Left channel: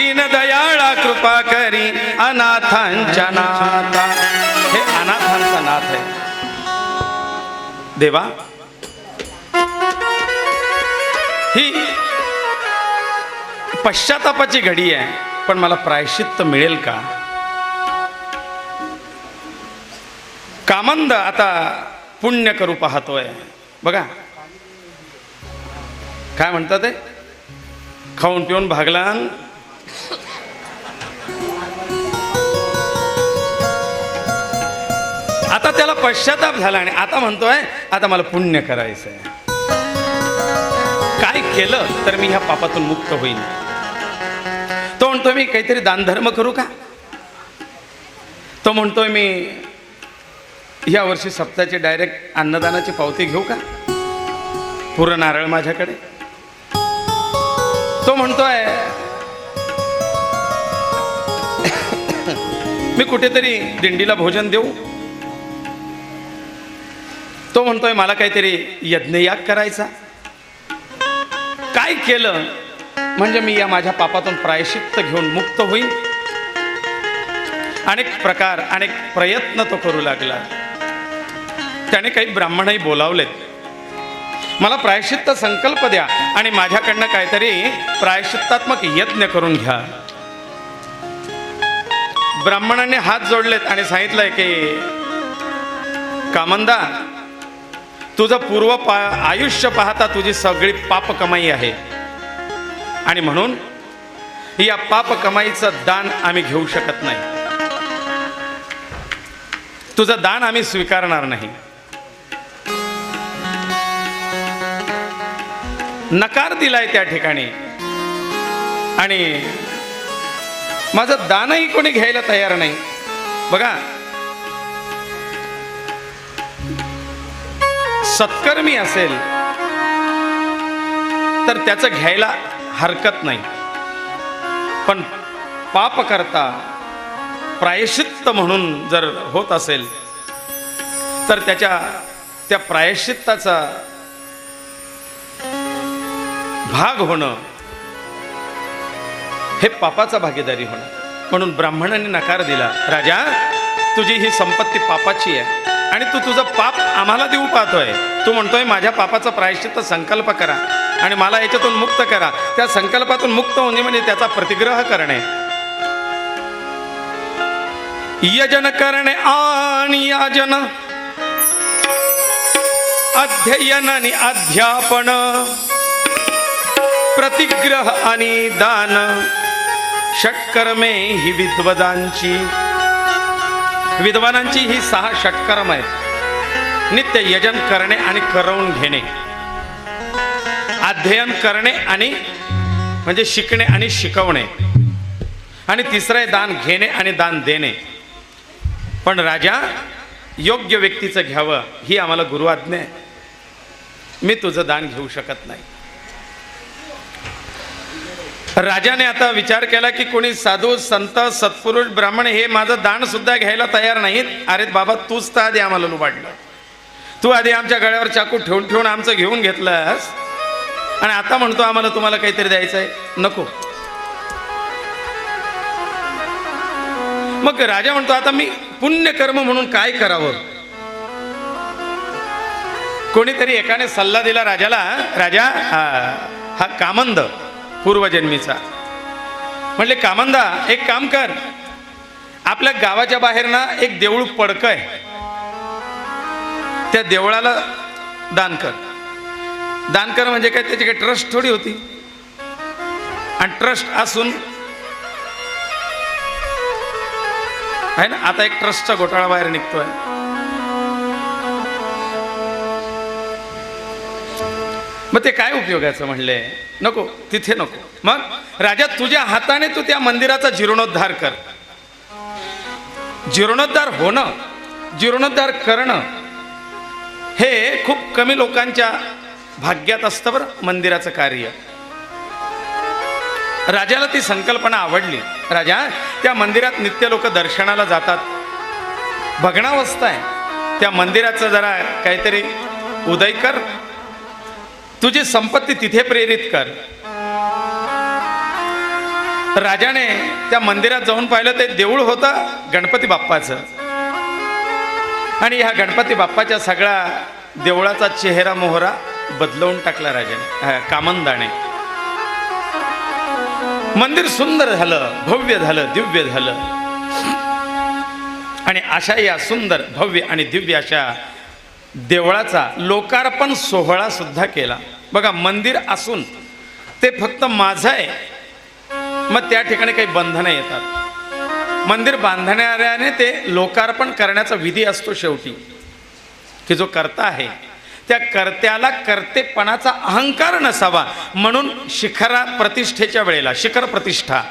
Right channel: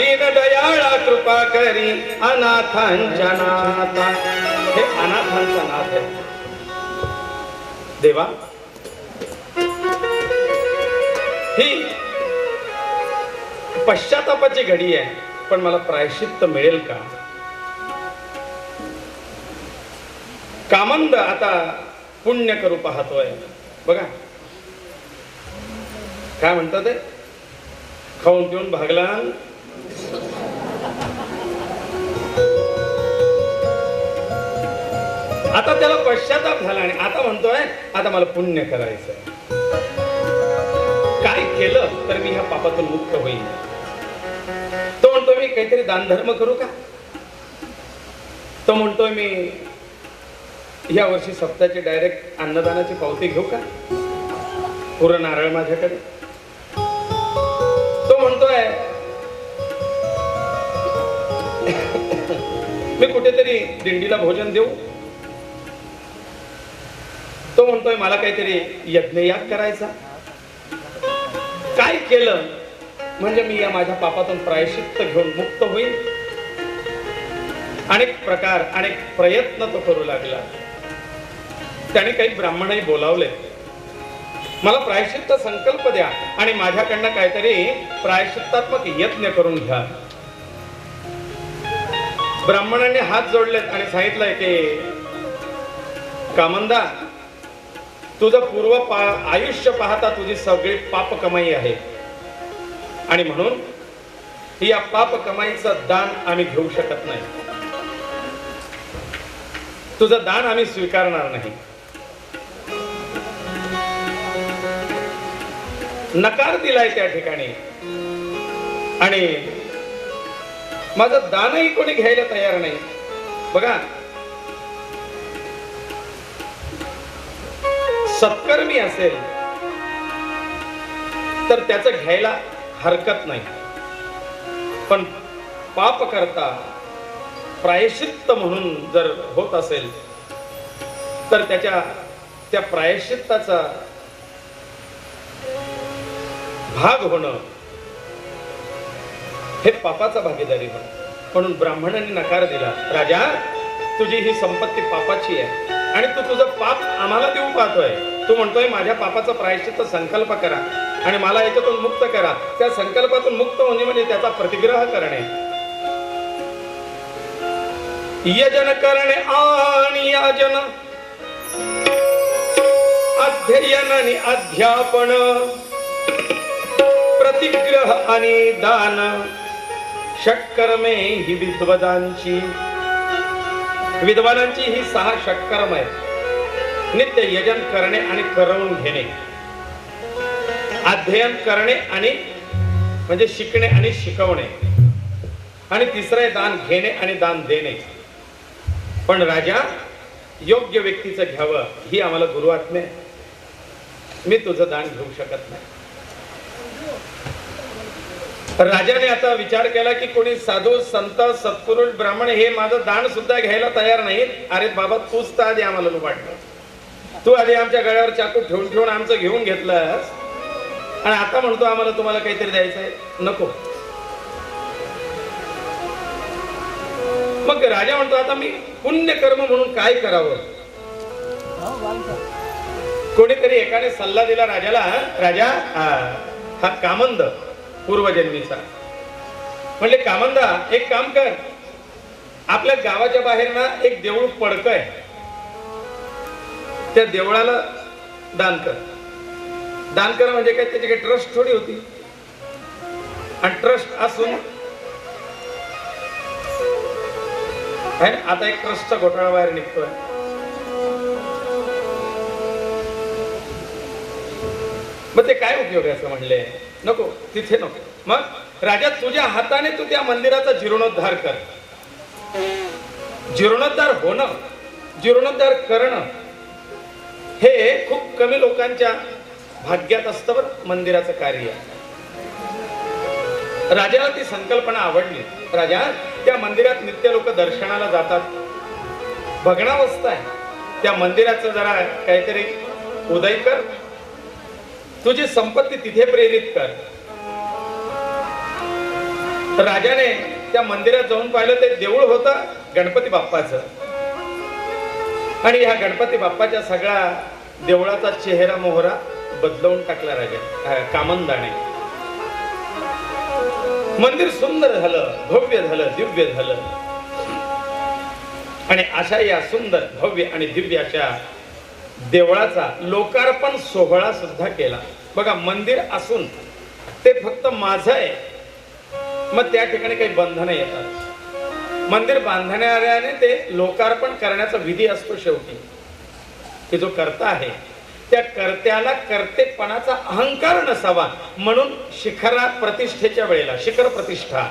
दीनदयाळा कृपा करी अनाथांच्या नाथा. हे अनाथांचा नाथ आहे देवा. ही पश्चातापाची घडी आहे, पण मला प्रायश्चित्त मिळेल का? कामंद आता पुण्य करू पाहतोय. बघा काय म्हणतात ते, खाऊन पिऊन भागला. आता त्याला पश्चाताप झाला आणि आता म्हणतोय आता मला पुण्य करायचंय. काय केलं तर मी ह्या पापातून मुक्त होईल. तो म्हणतोय मी काहीतरी दानधर्म करू का? तो म्हणतोय मी या वर्षी सप्ताहाची डायरेक्ट अन्नदानाची पावती घेऊ का? पुरं नारळ माझ्याकडे. तो म्हणतोय मी कुठेतरी दिंडीला भोजन देऊ. तो म्हणतोय मला काहीतरी यज्ञयाग करायचा. काय केलं म्हणजे मी या माझ्या पापातून प्रायश्चित्त घेऊन मुक्त होईल. अनेक प्रकार अनेक प्रयत्न तो करू लागला. त्याने काही ब्राह्मणही बोलावले, मला प्रायश्चित्त संकल्प द्या आणि माझ्याकडनं काहीतरी प्रायश्चित्तात्मक यज्ञ करून घ्या. ब्राह्मणाने हात जोडलेत आणि सांगितलंय की कामंदा, तुझं पूर्व आयुष्य पाहता तुझी सगळी पाप कमाई आहे आणि म्हणून या पाप कमाईचं दान आम्ही घेऊ शकत नाही. तुझं दान आम्ही स्वीकारणार नाही. नकार दिलाय त्या ठिकाणी आणि माझं दानही कोणी घ्यायला तयार नाही. बघा सत्कर्मी असेल तर त्याचं घ्यायला हरकत नाही, पण पाप करता प्रायश्चित्त म्हणून जर होत असेल तर त्या प्रायश्चित्ताचा भाग होणं हे पापाचा भागीदारी होणं. म्हणून ब्राह्मणाने नकार दिला, राजा तुझी ही संपत्ती पापाची आहे आणि तू तुझं पाप आम्हाला देऊ पाहतोय. तू म्हणतोय माझ्या पापाचा प्रायश्चित्त संकल्प करा आणि मला याच्यातून मुक्त करा. त्या संकल्पातून मुक्त होणे म्हणजे त्याचा प्रतिग्रह करणे, यजन करणे आणि याजन, अध्ययन आणि अध्यापन, प्रतिग्रह आणि दान, षटकर्मे ही विद्वदांची. विद्वानांची ही 6 षटकर्म आहेत. नित्य यजन करणे आणि करवून घेणे, अध्ययन करणे आणि म्हणजे शिकणे आणि शिकवणे, आणि तिसरं आहे दान घेणे आणि दान देणे. पण राजा योग्य व्यक्तीचं घ्यावं ही आम्हाला गुरु आज्ञा आहे. मी तुझं दान घेऊ शकत नाही. राजाने आता विचार केला की कोणी साधू संत सत्पुरुष ब्राह्मण हे माझं दान सुद्धा घ्यायला तयार नाहीत. अरे बाबा तूच तर आधी आम्हाला लुबाडलं. तू आधी आमच्या गळ्यावर चाकू ठेवून ठेवून आमचं घेऊन घेतलंस आणि आता म्हणतो आम्हाला तुम्हाला काहीतरी द्यायचंय. नको. मग राजा म्हणतो आता मी पुण्यकर्म म्हणून काय करावं. कोणीतरी एकाने सल्ला दिला राजाला, राजा हा कामंद पूर्वजन्मीचा. म्हणले कामंदा एक काम कर, आपल्या गावाच्या बाहेर ना एक देऊळ पडकं आहे, त्या देवळाला दान कर. दान कर म्हणजे काय, त्याची काही ट्रस्ट थोडी होती. आणि ट्रस्ट असून आहे ना, आता एक ट्रस्टचा घोटाळा बाहेर निघतोय. मग ते काय उपयोगाचं म्हणले, नको तिथे नको. मग राजा तुझ्या हाताने तू त्या मंदिराचा जीर्णोद्धार कर. जीर्णोद्धार होणं, जीर्णोद्धार करणं हे खूप कमी लोकांच्या भाग्यात असतं बरं मंदिराचं कार्य. राजाला ती संकल्पना आवडली. राजा त्या मंदिरात नित्य लोक दर्शनाला जातात, भग्नावस्था आहे, त्या मंदिराचं जरा काहीतरी उदय कर, तुझी संपत्ती तिथे प्रेरित कर. राजाने त्या मंदिरात जाऊन पाहिलं, ते देऊळ होतं गणपती बाप्पाचं. आणि ह्या गणपती बाप्पाच्या सगळ्या देवळाचा चेहरा मोहरा बदलवून टाकला राजाने, कामंदाने. मंदिर सुंदर झालं, भव्य झालं, दिव्य झालं. आणि अशा या सुंदर भव्य आणि दिव्य अशा देवळाचा लोकार्पण सोहळा सुद्धा केला. बघा, मंदिर असून ते फक्त माझं आहे, मग त्या ठिकाणी काही बंधनं येतात. मंदिर बांधणाऱ्याने ते लोकार्पण करण्याचा विधी असतो शेवटी, की जो कर्ता आहे त्या कर्त्याला कर्तेपणाचा अहंकार नसावा म्हणून शिखरा प्रतिष्ठेच्या वेळेला, शिखर प्रतिष्ठा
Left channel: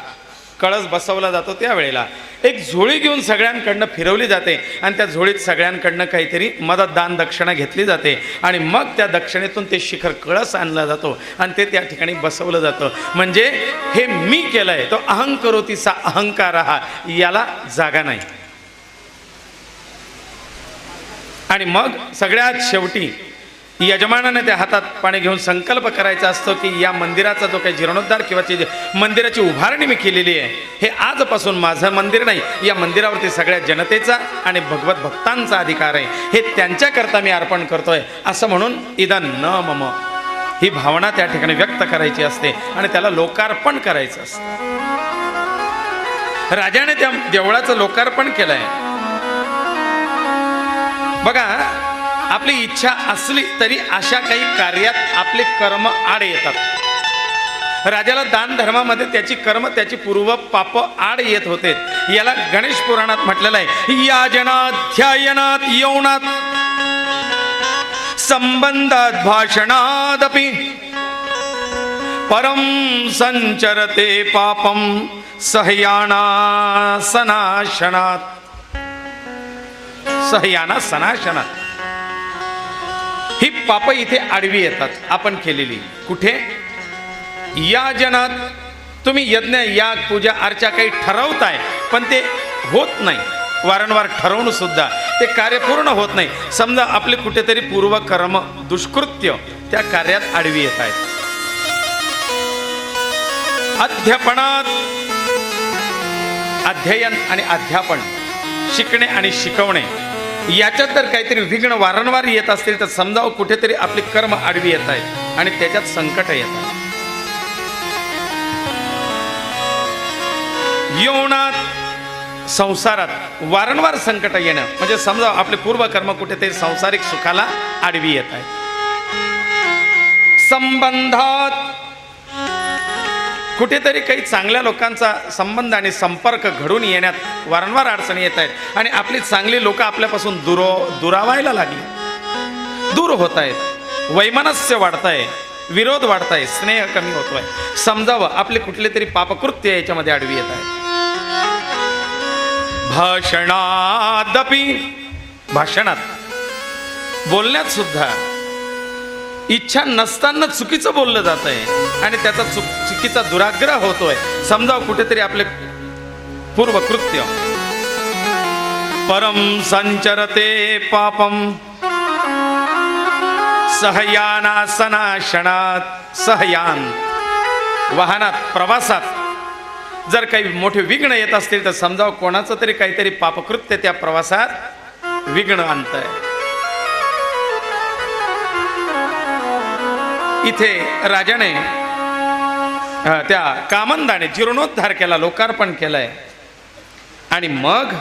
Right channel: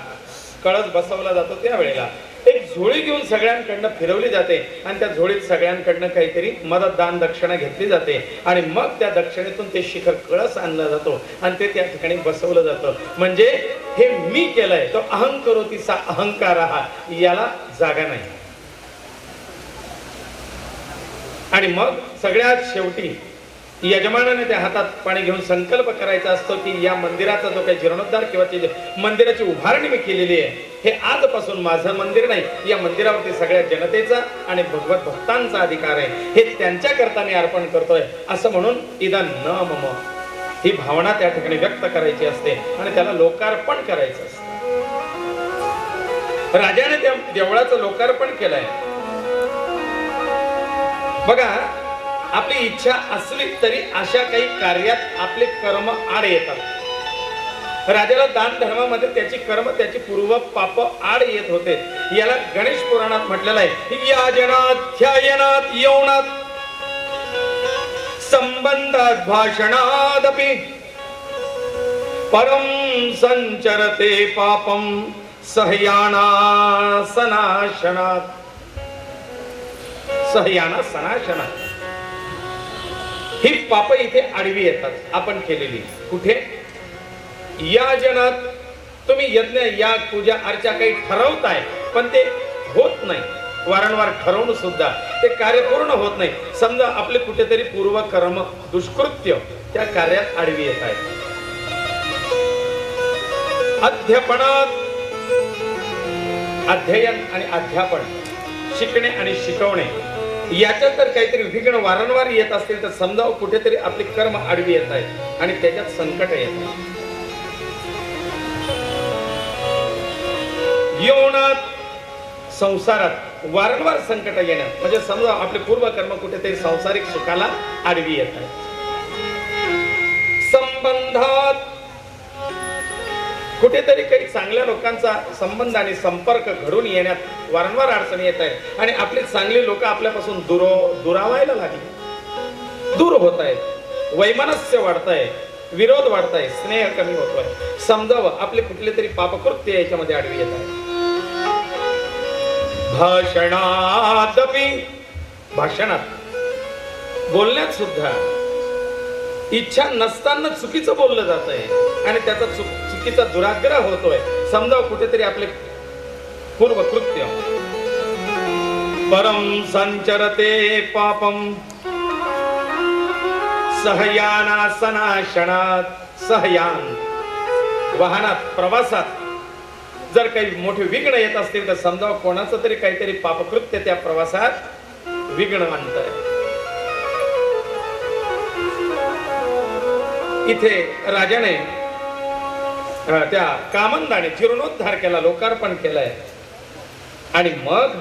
कळस बसवला जातो त्या वेळेला एक झोळी घेऊन सगळ्यांकडनं फिरवली जाते आणि त्या झोळीत सगळ्यांकडनं काहीतरी मदत दान दक्षिणा घेतली जाते आणि मग त्या दक्षिणेतून ते शिखर कळस आणला जातो आणि ते त्या ठिकाणी बसवलं जातं. म्हणजे हे मी केलंय, तो अहंकरोतीचा अहंकार हा, याला जागा नाही. आणि मग सगळ्यात शेवटी यजमानाने त्या हातात पाणी घेऊन संकल्प करायचा असतो की या मंदिराचा जो काही जीर्णोद्धार किंवा मंदिराची उभारणी मी केलेली आहे, हे आजपासून माझं मंदिर नाही, या मंदिरावरती सगळ्या जनतेचा आणि भगवत भक्तांचा अधिकार आहे, हे त्यांच्याकरता मी अर्पण करतोय असं म्हणून इदं न मम ही भावना त्या ठिकाणी व्यक्त करायची असते आणि त्याला लोकार्पण करायचं असतं. राजाने त्या देवळाचं लोकार्पण केलंय. बघा, आपली इच्छा असली तरी अशा काही कार्यात आपले कर्म आड येतात. राजाला दान धर्मामध्ये त्याची कर्म, त्याची पूर्व पाप आड येत होते. याला गणेश पुराणात म्हटलेलं आहे, याजनात ध्यायनात यौनात संबंधात भाषणादपि परम संचरते पापम सहयाना सनाशनात. सहयाना सनाशनात ही पाप इथे आडवी येतात आपण केलेली. कुठे? या जनात तुम्ही यज्ञ याग पूजा अर्चा काही ठरवताय पण ते होत नाही, वारंवार ठरवून सुद्धा ते कार्य पूर्ण होत नाही. समजा आपले कुठेतरी पूर्व कर्म दुष्कृत्य त्या कार्यात आडवी येत आहे. अध्यापनात अध्ययन आणि अध्यापन, शिकणे आणि शिकवणे याच्यात तर काहीतरी विघ्न वारंवार येत असतील तर समजा कुठेतरी आपले कर्म आडवी येत आहेत आणि त्याच्यात संकट येत आहे. यौनात संसारात वारंवार संकट येणं म्हणजे समजा आपले पूर्व कर्म कुठेतरी सांसारिक सुखाला आडवी येत आहे. संबंधात कुठेतरी काही चांगल्या लोकांचा संबंध आणि संपर्क घडून येण्यात वारंवार अडचणी येत आहेत आणि आपली चांगली लोक आपल्यापासून दुरावायला लागली, दूर होत आहेत, वैमनस्य वाढताय, विरोध वाढताय, स्नेह कमी होतोय. समजावं आपले कुठले तरी पापकृत्य याच्यामध्ये आडवी येत आहे. भाषणादपि भाषणात बोलण्यात सुद्धा इच्छा नसताना चुकीचं बोललं जात आहे आणि त्याचा चुकीचा दुराग्रह होतोय. समजा कुठेतरी आपले पूर्वकृत्य परम संचरते पापम सहयाना सनाशनात. सहयान वाहनात प्रवासात जर काही मोठे विघ्न येत असतील तर समजा कोणाचं तरी काहीतरी पापकृत्य त्या प्रवासात विघ्न आणतंय. इथे राजाने त्या कामंदाने जीर्णोद्धार केला, लोकार्पण केलंय आणि मग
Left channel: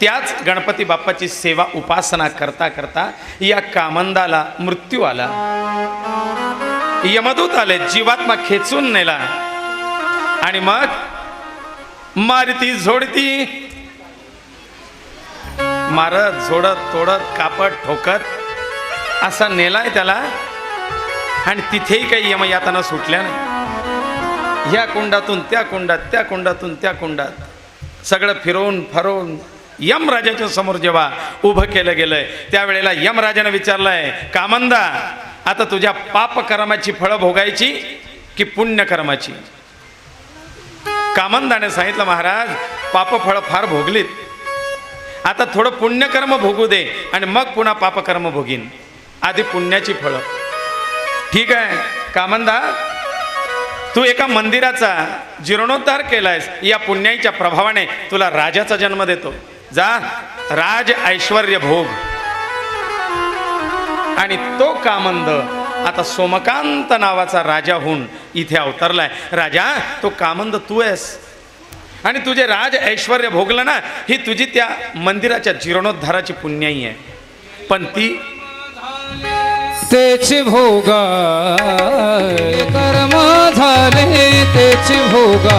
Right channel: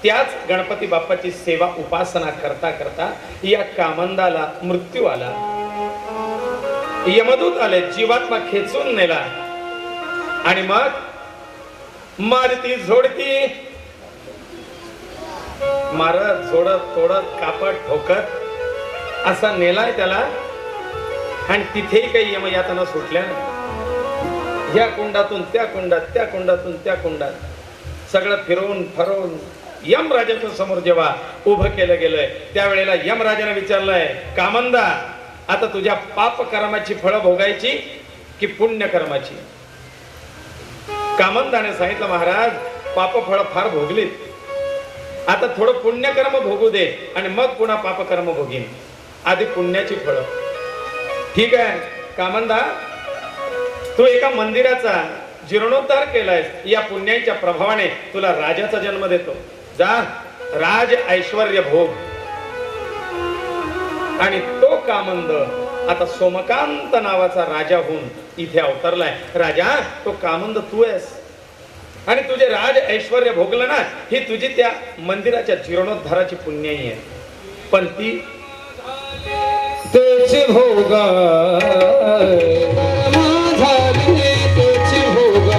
त्याच गणपती बाप्पाची सेवा उपासना करता करता या कामंदाला मृत्यू आला. यमदूत आले, जीवात्मा खेचून नेला आणि मग मारती झोडती मारत झोडत तोडत कापत ठोकत असा नेलाय त्याला. आणि तिथेही काही यमयातना सुटल्या नाही. ह्या कुंडातून त्या कुंडात, त्या कुंडातून त्या कुंडात सगळं फिरवून फरवून यमराजाच्या समोर जेव्हा उभं केलं गेलंय त्यावेळेला यमराजाने विचारलंय, कामंदा आता तुझ्या पाप कर्माची फळं भोगायची की पुण्य कर्माची? कामंदाने सांगितलं, महाराज पाप फळं फार भोगलीत, आता थोडं पुण्यकर्म भोगू दे आणि मग पुन्हा पापकर्म भोगीन, आधी पुण्याची फळं. ठीक आहे कामंदा, तू एका मंदिराचा जीर्णोद्धार केलायस, या पुण्याईच्या प्रभावाने तुला राजाचा जन्म देतो. जा, राज ऐश्वर्य भोग. आणि तो कामंद आता सोमकांत नावाचा राजा होऊन इथे अवतरलाय. राजा, तो कामंद तू आहेस. आणि तुझे राज ऐश्वर्य भोगलं ना, ही तुझी त्या मंदिराच्या जीर्णोद्धाराची पुण्याई आहे. पण ती तेच भोगा कर्म झाले, तेच भोगा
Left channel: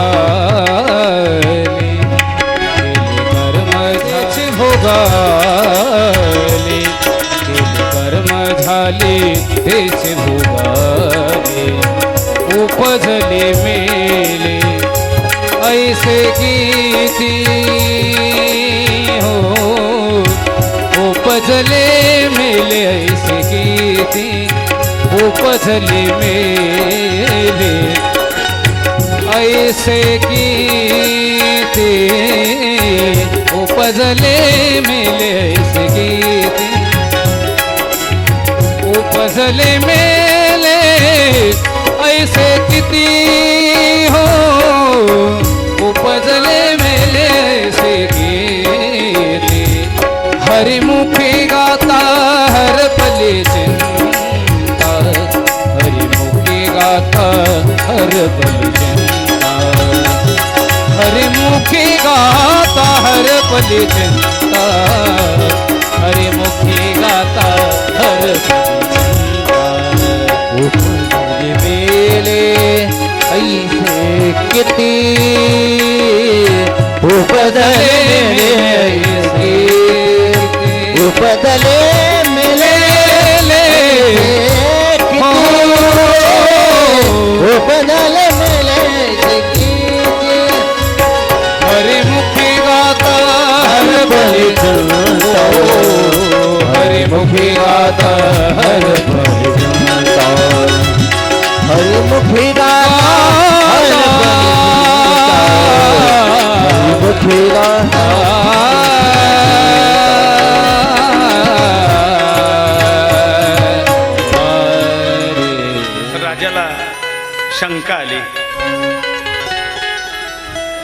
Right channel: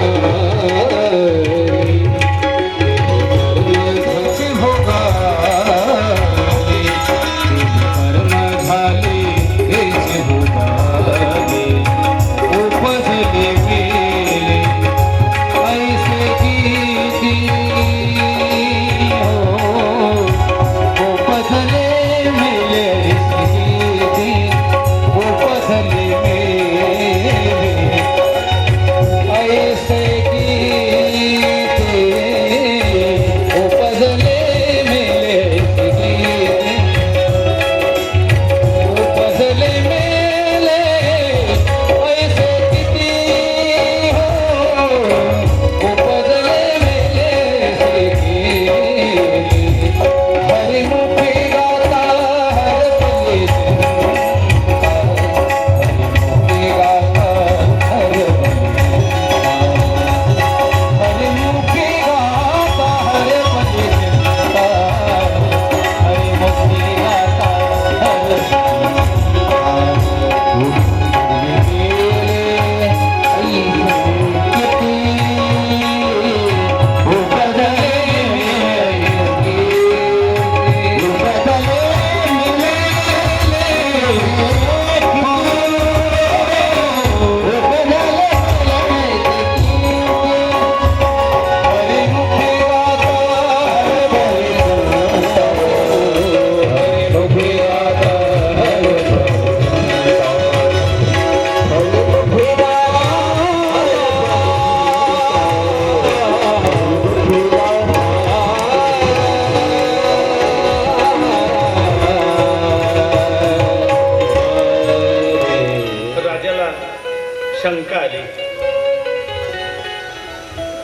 शंका आली.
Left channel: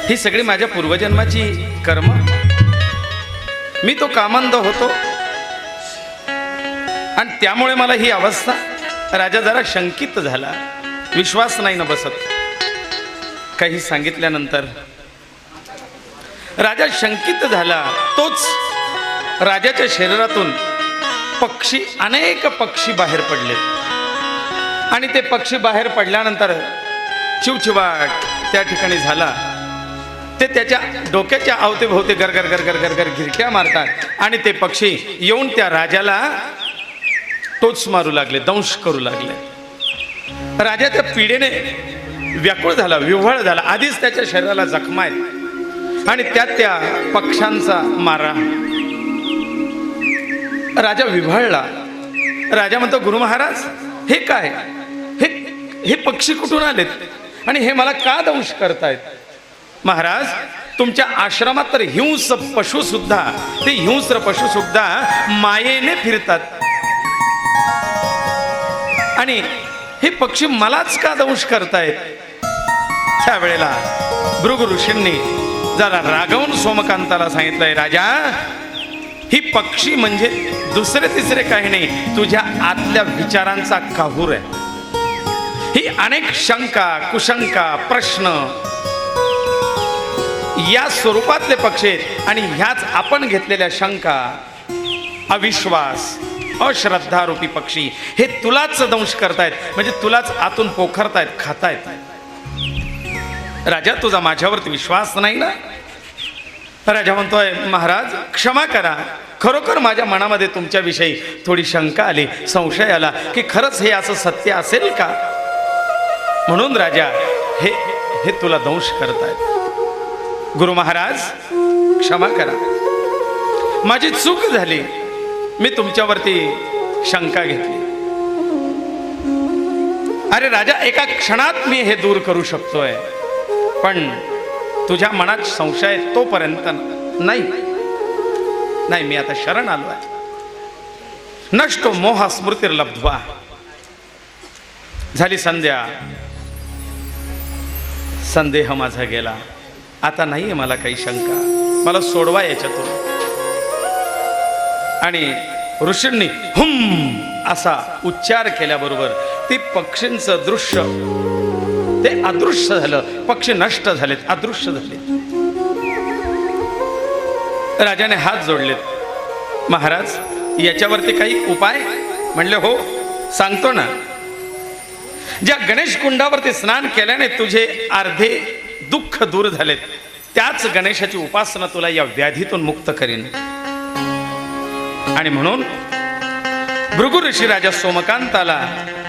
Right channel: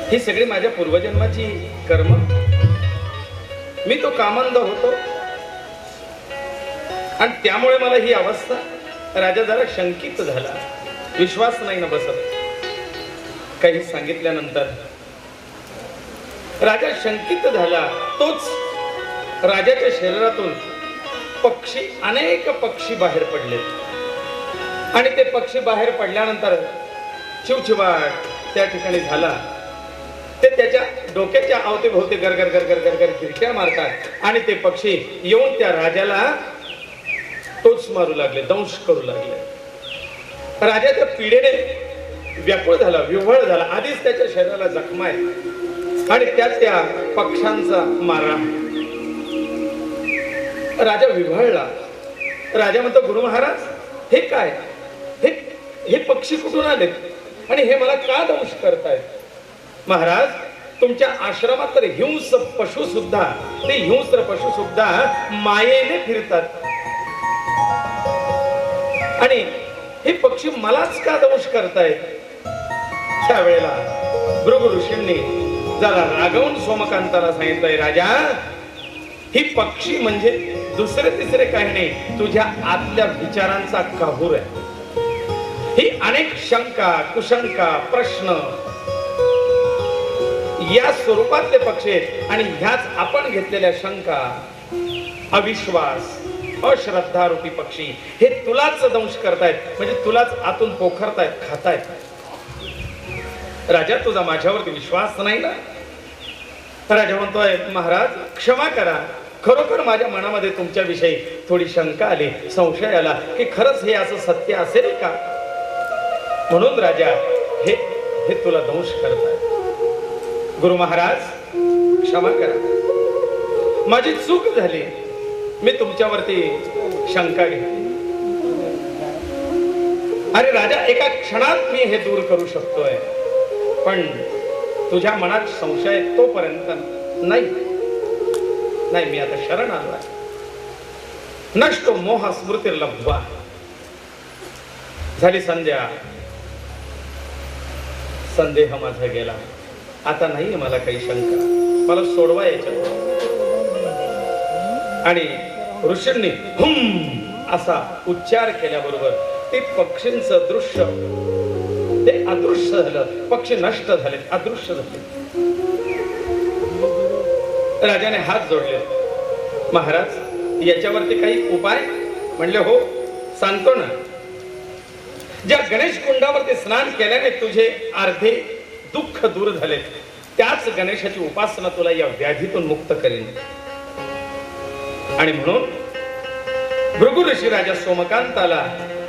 ही सगळी माझ्या पूर्वजन्माची कर्म. मी तो कामंद होतो आणि त्यामुळे मला ही अवस्था. राजा जरा शंकित झाला, विश्वास नाही न बसत. काही सांगितल्यानंतर राजा शंकित झाला. तोच राजाच्या शरीरातून पक्षी, अनेक पक्षी बाहेर पडले. आणि ते पक्षी बाहेर पडल्यानंतर चिवचिवाट त्या ठिकाणी झाला. ते त्याच्या डोक्याच्या अवतीभोवती गरगर गरगर गरगर गिरक्या मारतात आणि ते पक्षी येऊन त्या राजाला टोच मारू लागले, दंश करू लागले. राजा त्या पीडेने व्याकुळ झाला, विव्हळ झाला. आधीच त्याच्या शरीराला जखमा आहे आणि त्यात त्या पक्ष्यांचा मारा. राजा विव्हळला. राजा म्हणतो, गुरु महाराज, हे काय? हे पक्षी कुठून आलेत आणि हे मला का दंश करतायत? महाराज, तुमच्या आश्रमात तर हिंस पशु सुद्धा, ते हिंस्र पशु सुद्धा मायेने फिरतात आणि हे पक्षी मलाच का दंश करतायत? त्यावेळेला भृगु ऋषींनी जरा रागवून सोमकांताला सांगितलंय, राजा, ही पक्षी म्हणजे दुसरे तिसरे काही नाही, तुझ्या आतल्या विचारांचा काहूर आहे. ही अनेक शंका, कुशंका, प्रश्न या स्वरूपातले पक्षी आणि ह्याच आपण घेतलेल्या शंका, अविश्वास, अश्रद्धा रूपी पक्षी हे तुलाच दंश करतायत, म्हणजे तुलाच आतून पोखरतायत, खातायत. राजा, तुझा माझ्यावरती विश्वास नाही ना? राजा म्हणतोय, महाराज क्षमा करा, खरोखर माझ्या मनामध्ये तुमच्याविषयी थोडी शंका आली, संशय आला की खरंच हे असं सत्य असेल का, म्हणून राजा हे तुला दंश करतायत. गुरु महाराज क्षमा करा, माझी चूक झाली, मी तुमच्यावरती शंका घेतली. अरे राजा, एका क्षणात मी हे दूर करू शकतोय, पण तुझ्या मनात संशय तोपर्यंत नाही. मी आता शरण आलोय. नष्टो मोह स्मृतिर्लब्ध्वा. झाली संध्या. संदेह माझा गेला. आता नाहीये मला काही शंका. मला सोडवा याच्यातून. आणि ऋषींनी हुम असा उच्चार केल्याबरोबर ते पक्षींचं दृश्य ते अदृश्य झालं. पक्षी नष्ट झालेत, अदृश्य झाले. राजाने हात जोडलेत. महाराज याच्यावरती काही उपाय? म्हणले हो सांगतो ना. ज्या गणेश कुंडावरती स्नान केल्याने तुझे अर्धे दुःख दूर झालेत, त्याच गणेशाची उपासना तुला या व्याधीतून मुक्त करेन. आणि म्हणून भृगु ऋषी राजा सोमकांताला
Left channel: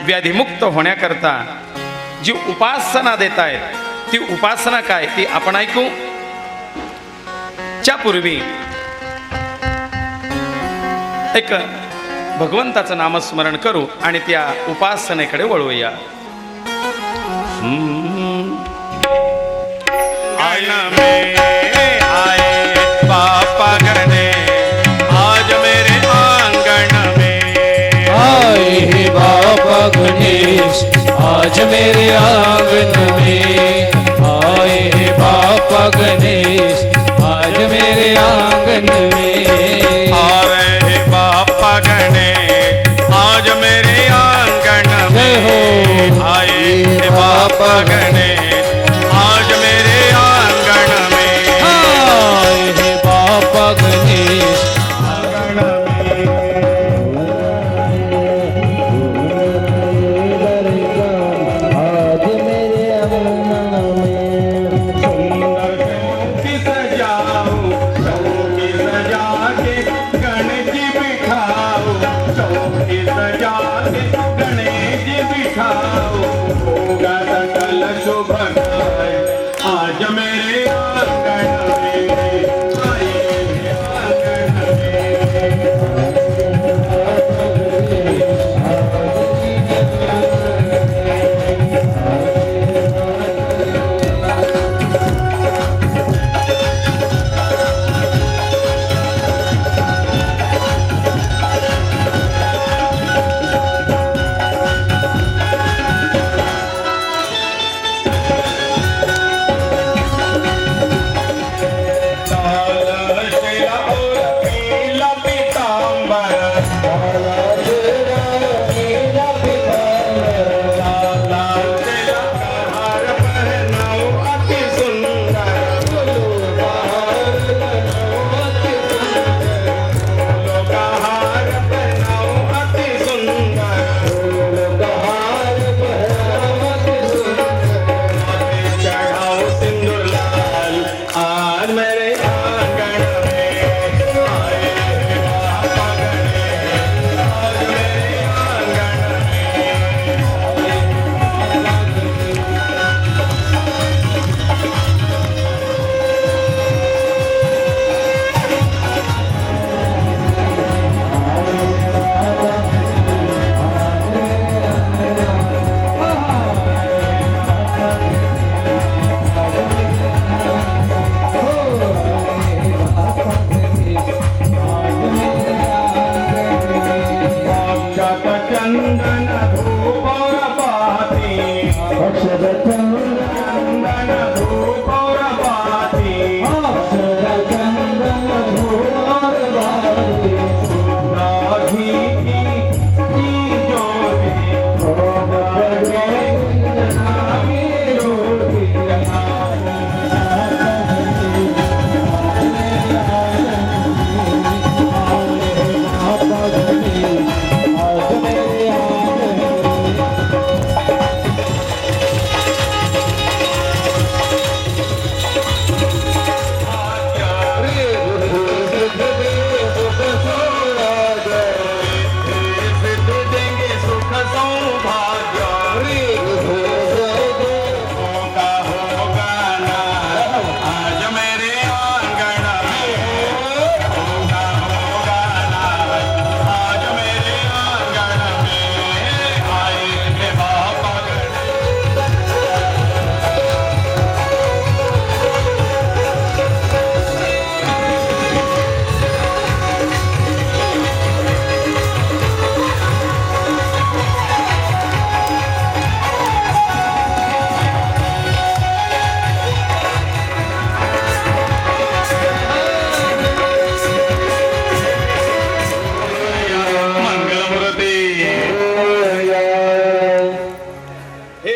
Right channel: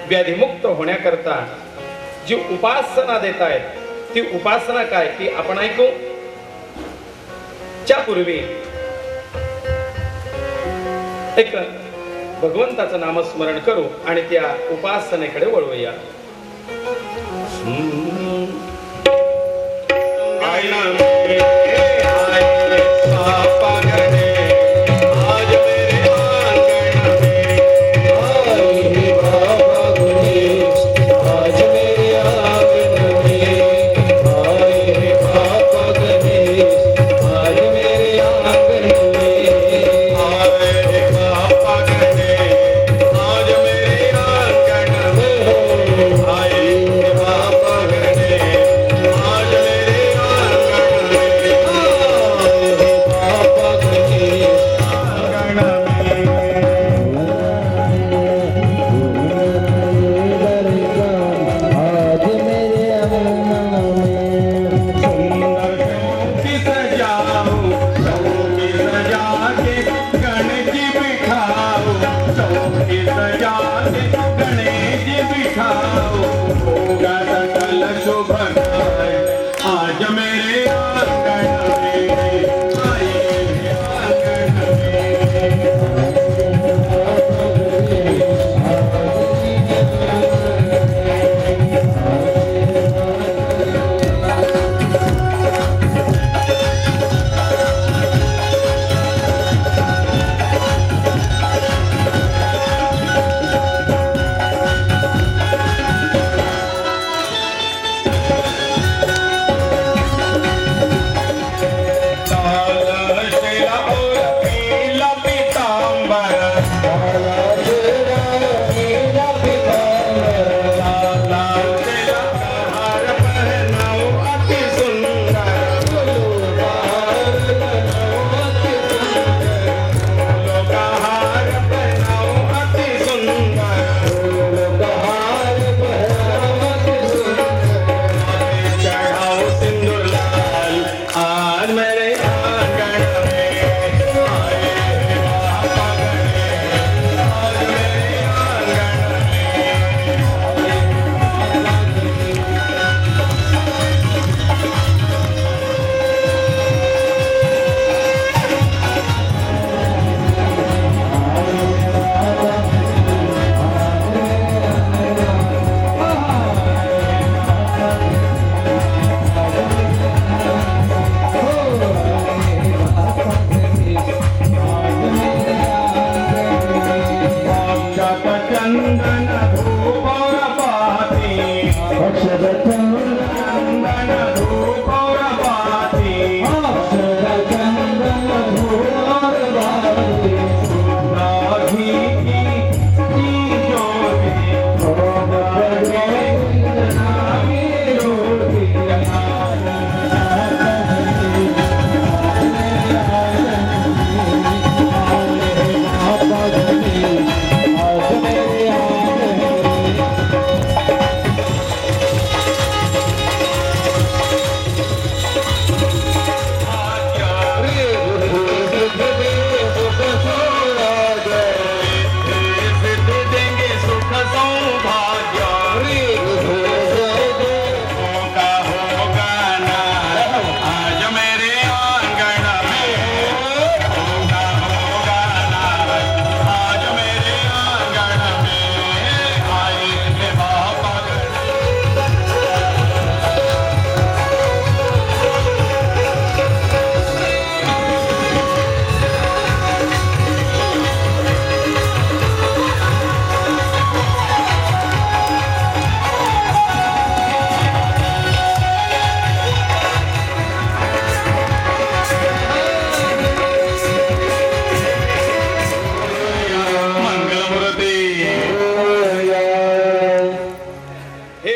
व्याधीमुक्त होण्याकरता जी उपासना देत आहेत ती उपासना काय ती आपण ऐकू. च्या पूर्वी एक भगवंताचं नामस्मरण करू आणि त्या उपासनेकडे वळूया.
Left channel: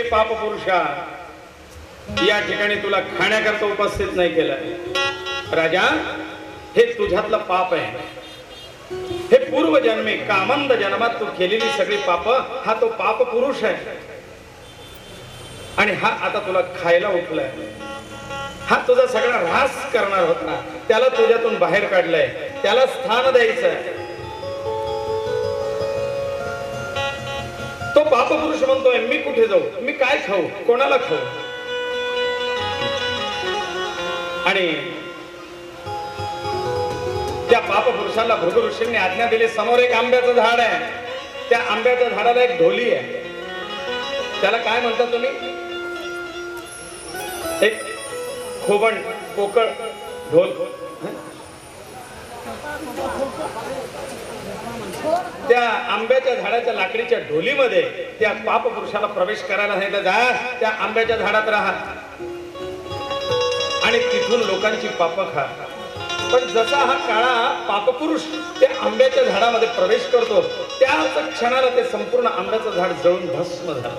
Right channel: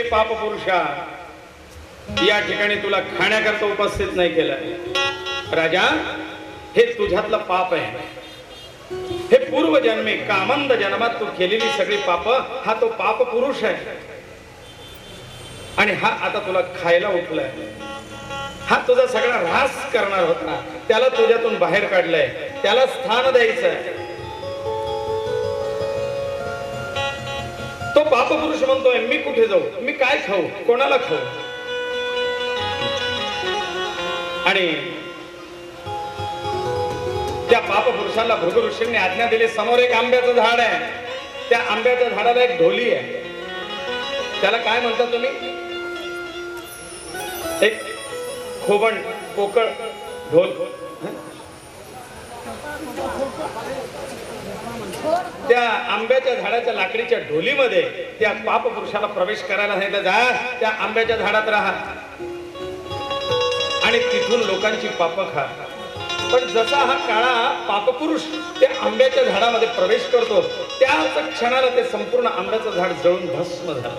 हे पाप पुरुषा, या ठिकाणी तुला खाण्याकरता उपस्थित नाही केलं राजा. हे तुझ्यातलं पाप आहे. हे पूर्वजन्मे कामंद जन्मात तू केलेली सगळी पाप, हा तो पाप पुरुष आहे. आणि हा आता तुला खायला उठलाय. हा तुझा सगळा ऱ्हास करणार होता, त्याला तुझ्यातून बाहेर काढलंय, त्याला स्थान द्यायचंय. तो पाप पुरुष म्हणतोय मी कुठे जाऊ, मी काय खाऊ, कोणाला खाऊ. आणि त्या पाप पुरुषाला भृगु ऋषींनी आज्ञा दिली, समोर एक आंब्याचं झाड आहे, त्या आंब्याच्या झाडाला एक ढोली आहे. त्याला काय म्हणता तुम्ही? एक खोबण पोकळ ढोल. त्या आंब्याच्या झाडाच्या लाकडीच्या ढोलीमध्ये त्या पाप पुरुषाला प्रवेश करायला सांगितलं, जा त्या आंब्याच्या झाडात राहा आणि तिथून लोकांची पाप खा. पण जसा हा काळा पापपुरुष त्या आंब्याच्या झाडामध्ये प्रवेश करतो, त्याच क्षणाला ते संपूर्ण आंब्याचं झाड जळून भस्म झालं.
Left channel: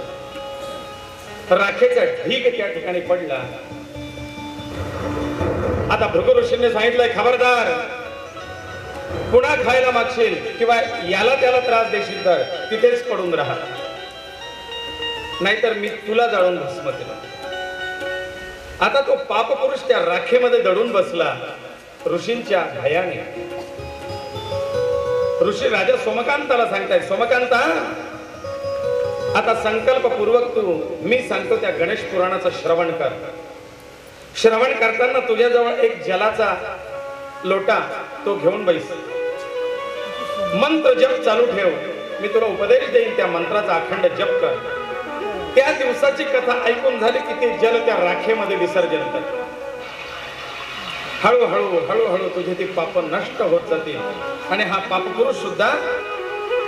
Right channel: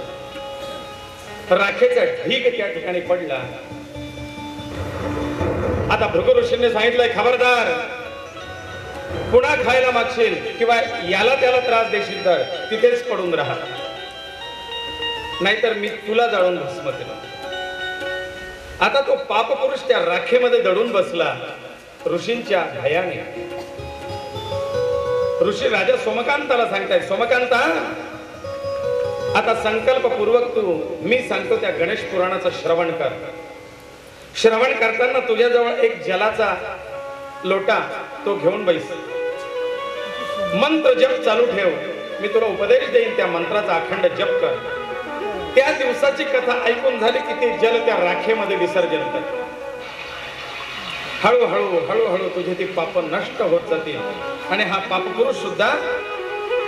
राखेचा ढीग त्या ठिकाणी पडला. आता भृगु ऋषींनी सांगितलंय, खबरदार, पुन्हा खायला मागशील किंवा याला त्याला त्रास देशील तर तिथेच पडून राहा, नाहीतर मी तुला जाळून भस्म केलं. आता तो पापपुरुष त्या राखेमध्ये दडून बसला ऋषींच्या भयाने. ऋषी राजा सोमकांताला सांगताय, सोमकांता, आता संकल्पपूर्वक तू मी सांगतो त्या गणेश पुराणाचं श्रवण कर. श्रवण करताना तुझ्याजवळ एक जलाचा लोटा तो घेऊन बैस. मंत्र जप चालू ठेव. मी तुला उपदेश देईन, त्या मंत्राचा अखंड जप कर. त्या दिवसाची कथा ऐकून झाली की ते जल त्या राखेमध्ये विसर्जन कर. हळूहळू हळूहळू तुझे ती पाप नष्ट होत जातील आणि हा पापपुरुष सुद्धा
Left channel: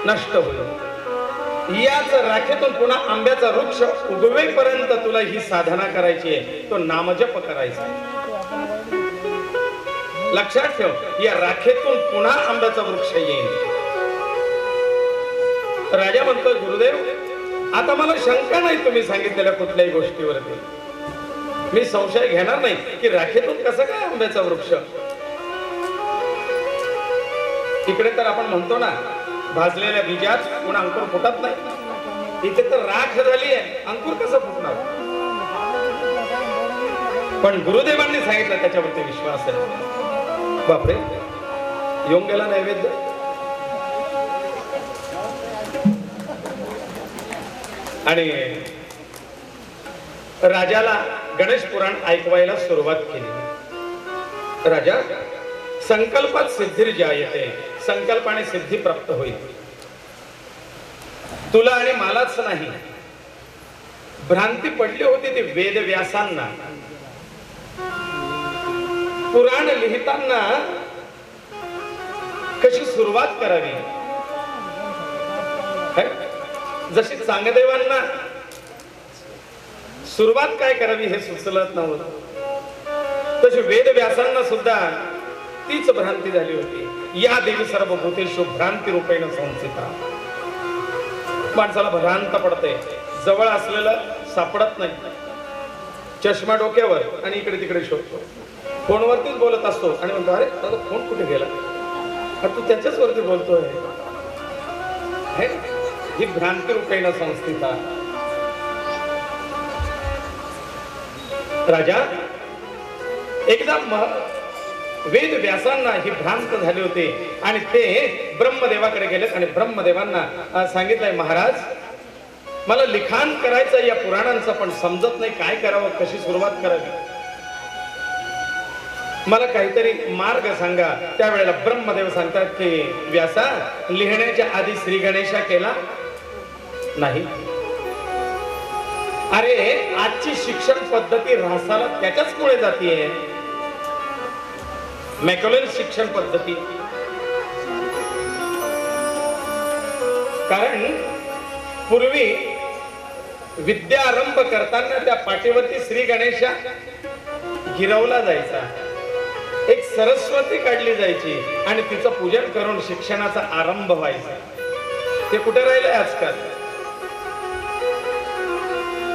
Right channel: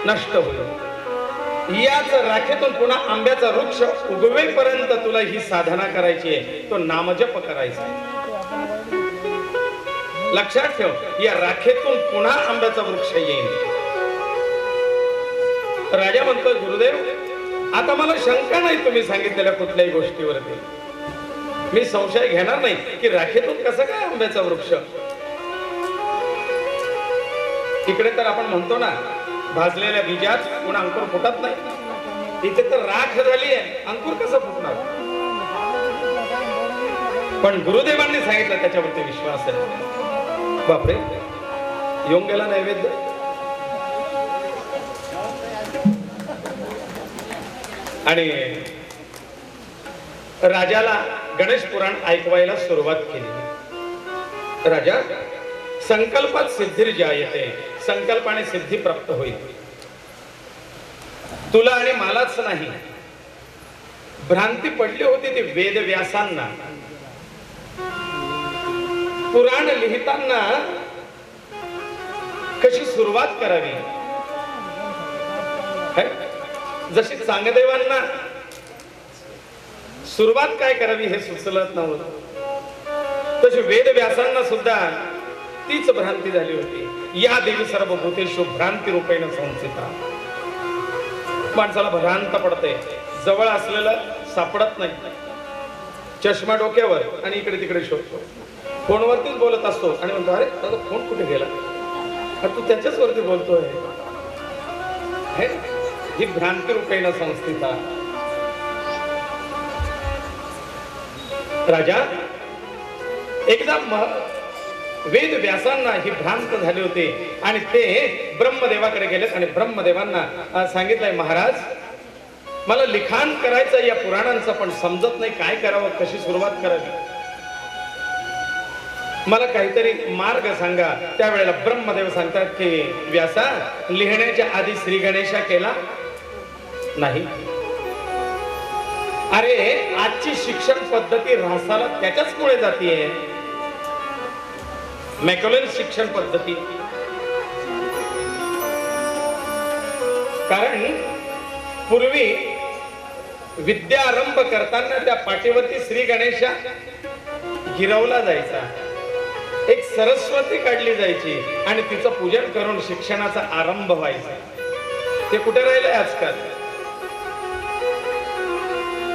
नष्ट होईल. याच राखेतून पुन्हा आंब्याचा वृक्ष उगवेपर्यंत तुला ही साधना करायची आहे, तो नामजप करायचा. लक्षात ठेव, या राखेतून पुन्हा आंब्याचा वृक्ष येईल. राजा म्हणतो, गुरुदेव, आता मला शंका नाही तुम्ही सांगितलेल्या कुठल्याही गोष्टीवरती. मी संशय घेणार नाही की राखेतून कसं काय आंब्याचा वृक्ष. इकडे तर आपण म्हणतो ना, भाजलेल्या बीजात पुन्हा अंकुर फुटत नाही. इथे तर राख झाली आहे, अंकुर कसं फुटणार. पण गुरुदेवांनी सांगितलं, त्याच्यावरती विश्वास आहे. बापरे, येऊन गेला नैवेद्य. आणि राजाला गणेश पुराण ऐकवायला सुरुवात केली. राजा, संकल्पात सिद्धिर्जायते, संकल्पाने सिद्धी प्राप्त होईल. तुला आणि मलाच नाही, भ्रांती पडली होती ती वेद व्यासांना. पुराण लिहिताना कशी सुरुवात करावी, जशी चांगदेवांना सुरुवात काय करावी हे सुचलत नव्हतं, तशी वेद व्यासांना सुद्धा तीच भ्रांती झाली होती. या देवी सर्व भूतेषु भ्रांती रूपेण संस्थिता. माणसाला भ्रांत पडते, जवळ असलेलं सापडत नाही. चष्मा डोक्यावर आणि इकडे तिकडे शोधतो. फोनवरतीच बोलत असतो आणि म्हणतो, अरे दादा फोन कुठे गेला, तू त्याच्याच वरती बोलतोय. ही भ्रांती रूपेण संस्थिता. राजा, एकदा वेद व्यासांना ही भ्रांत झाली होती आणि ते ब्रह्मदेवाकडे गेलेत आणि ब्रह्मदेवांना सांगितलंय, महाराज, मला लिखाण करायचं या पुराणांचं, पण समजत नाही काय करावं, कशी सुरुवात करावी, मला काहीतरी मार्ग सांगा. त्यावेळेला ब्रह्मदेव सांगतात की व्यासा, लिहिण्याच्या आधी श्री गणेशा केला नाही. अरे, आजची शिक्षण पद्धती ऱ्हासाला त्याच्याचमुळे जातीये. मॅकॅलन शिक्षण पद्धती. कारण पूर्वी विद्यारंभ करताना त्या पाठीवरती श्री गणेशा गिरवला जायचा, एक सरस्वती काढली जायची आणि तिचं पूजन करून शिक्षणाचा आरंभ व्हायचा. ते कुठे राहिलंय आजकाल.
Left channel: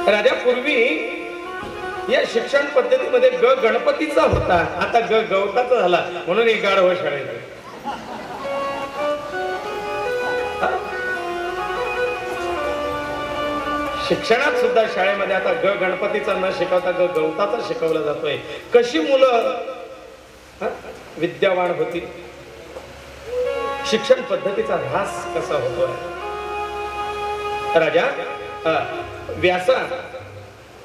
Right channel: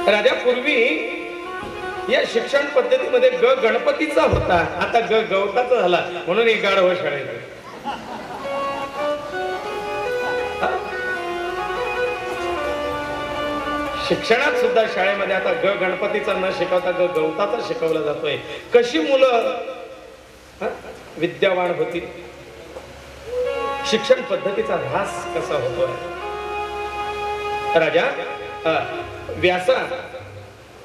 राजा पूर्वी या शिक्षण पद्धतीमध्ये ग गणपतीचा होता, आता ग गवताचा झाला, म्हणून ही गाढव शाळेत. शिक्षणात सुद्धा शाळेमध्ये आता ग गणपतीचा न शिकवता ग गवताचा शिकवला जातोय. कशी मुलं विद्यावान होती, शिक्षण पद्धतीचा ऱ्हास कसा होतोय. राजा व्यासा,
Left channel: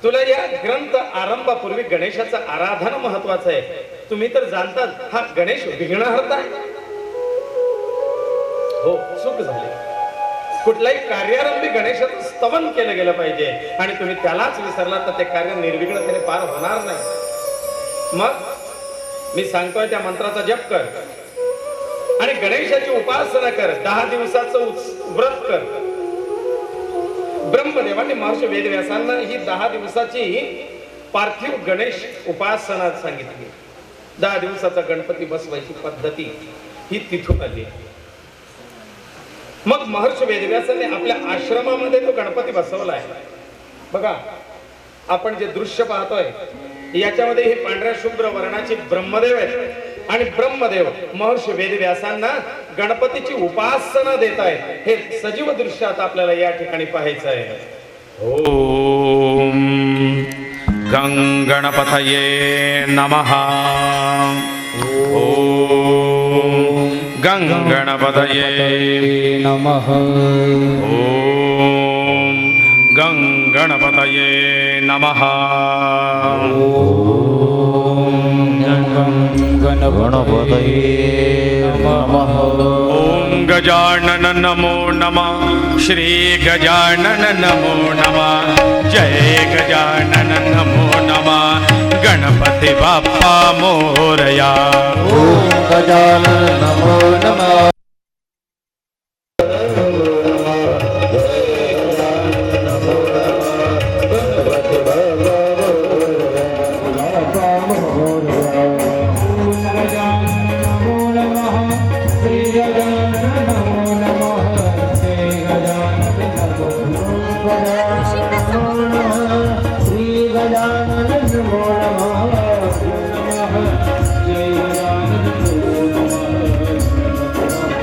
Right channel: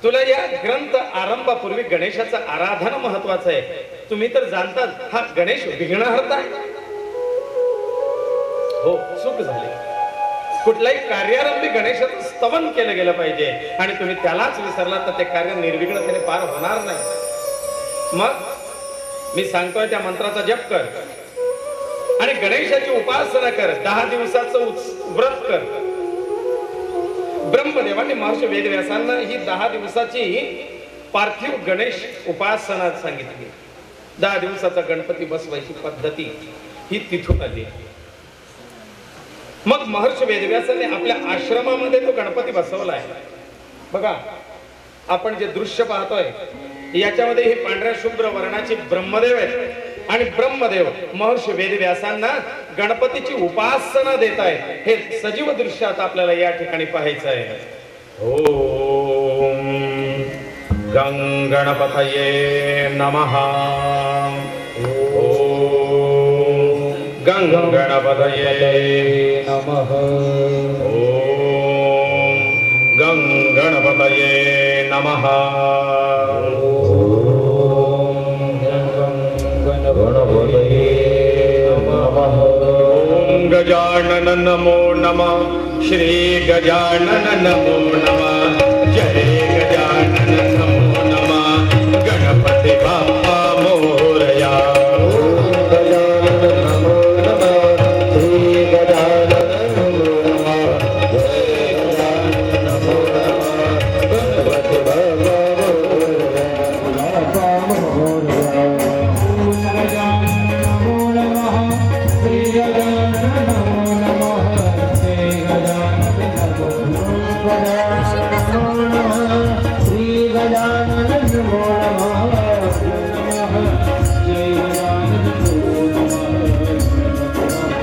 तुला या ग्रंथ आरंभापूर्वी गणेशाचं आराधन महत्वाचं आहे. तुम्ही तर जाणतात हा गणेश विघ्नहर्ता आहे. हो, चूक झाली. कुठल्याही कार्यारंभी गणेशाचं स्तवन केलं गेलं पाहिजे आणि तुम्ही त्यालाच विसरला तर ते कार्य निर्विघ्नतेने पार होणार नाही. मग मी सांगतोय त्या मंत्राचा जप कर आणि गणेशाची उपासना कर. 10 दिवसाचं व्रत कर. ब्रह्मदेवांनी महर्षी वेदव्यासांना ही 10 दिवसाची पार्थिव गणेश उपासना सांगितली. 10 दिवसाचा गणपती बसवायची पद्धती ही तिथून आली. मग महर्षी वेदव्यासांनी आपल्या आश्रमामध्ये तो गणपती बसवलाय. बघा, आपण जे दृश्य पाहतोय याच्यामध्ये हे पांढऱ्या शुभ्र वर्णाचे ब्रह्मदेव आहेत आणि ब्रह्मदेव महर्षी वेदव्यासांना गणपतीची उपासना देत आहेत. हे सजीव दृश्य आता आपल्याला या ठिकाणी पाहायचं आहे. ओम गं गणपतये नमः. ओम गं गणपतये नमः. ओम गं गणपतये नमः. ओम गजानन नमो नमः. श्री गजानन नमो नमः. जय गजानन नमो नमः. गणपती बाप्पा मोरया. ओम गजानन नमो नमः. श्री गजानन नमो नमः. जय गजानन नमो नमः. गणपती बाप्पा मोरया. ओम गजानन नमो नमः. श्री गजानन नमो नमः. जय गजानन नमो नमः. श्री गजानन नमो नमः. जय गजानन नमो नमः. ओम गजानन नमो नमः.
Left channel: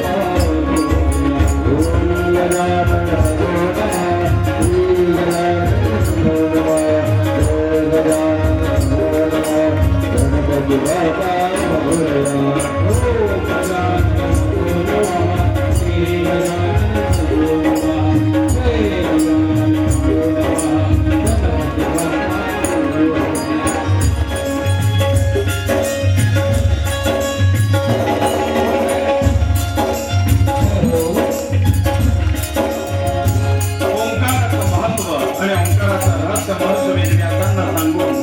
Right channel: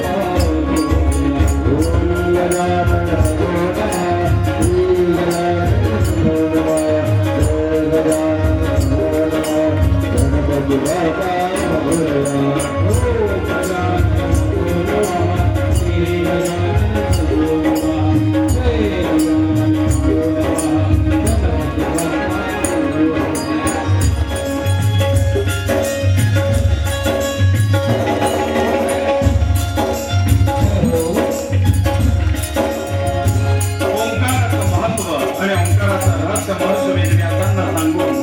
श्री गजानन नमो नमः. जय गजानन नमो नमः. गणपति बाप्पा मोरया. ओम गजानन नमो नमः. श्री गजानन नमो नमः. जय गजानन नमो नमः. गणपति बाप्पा मोरया. ओंकाराचं महत्व आणि ओंकाराचं रहस्य महर्षी वेदव्यासांना सांगून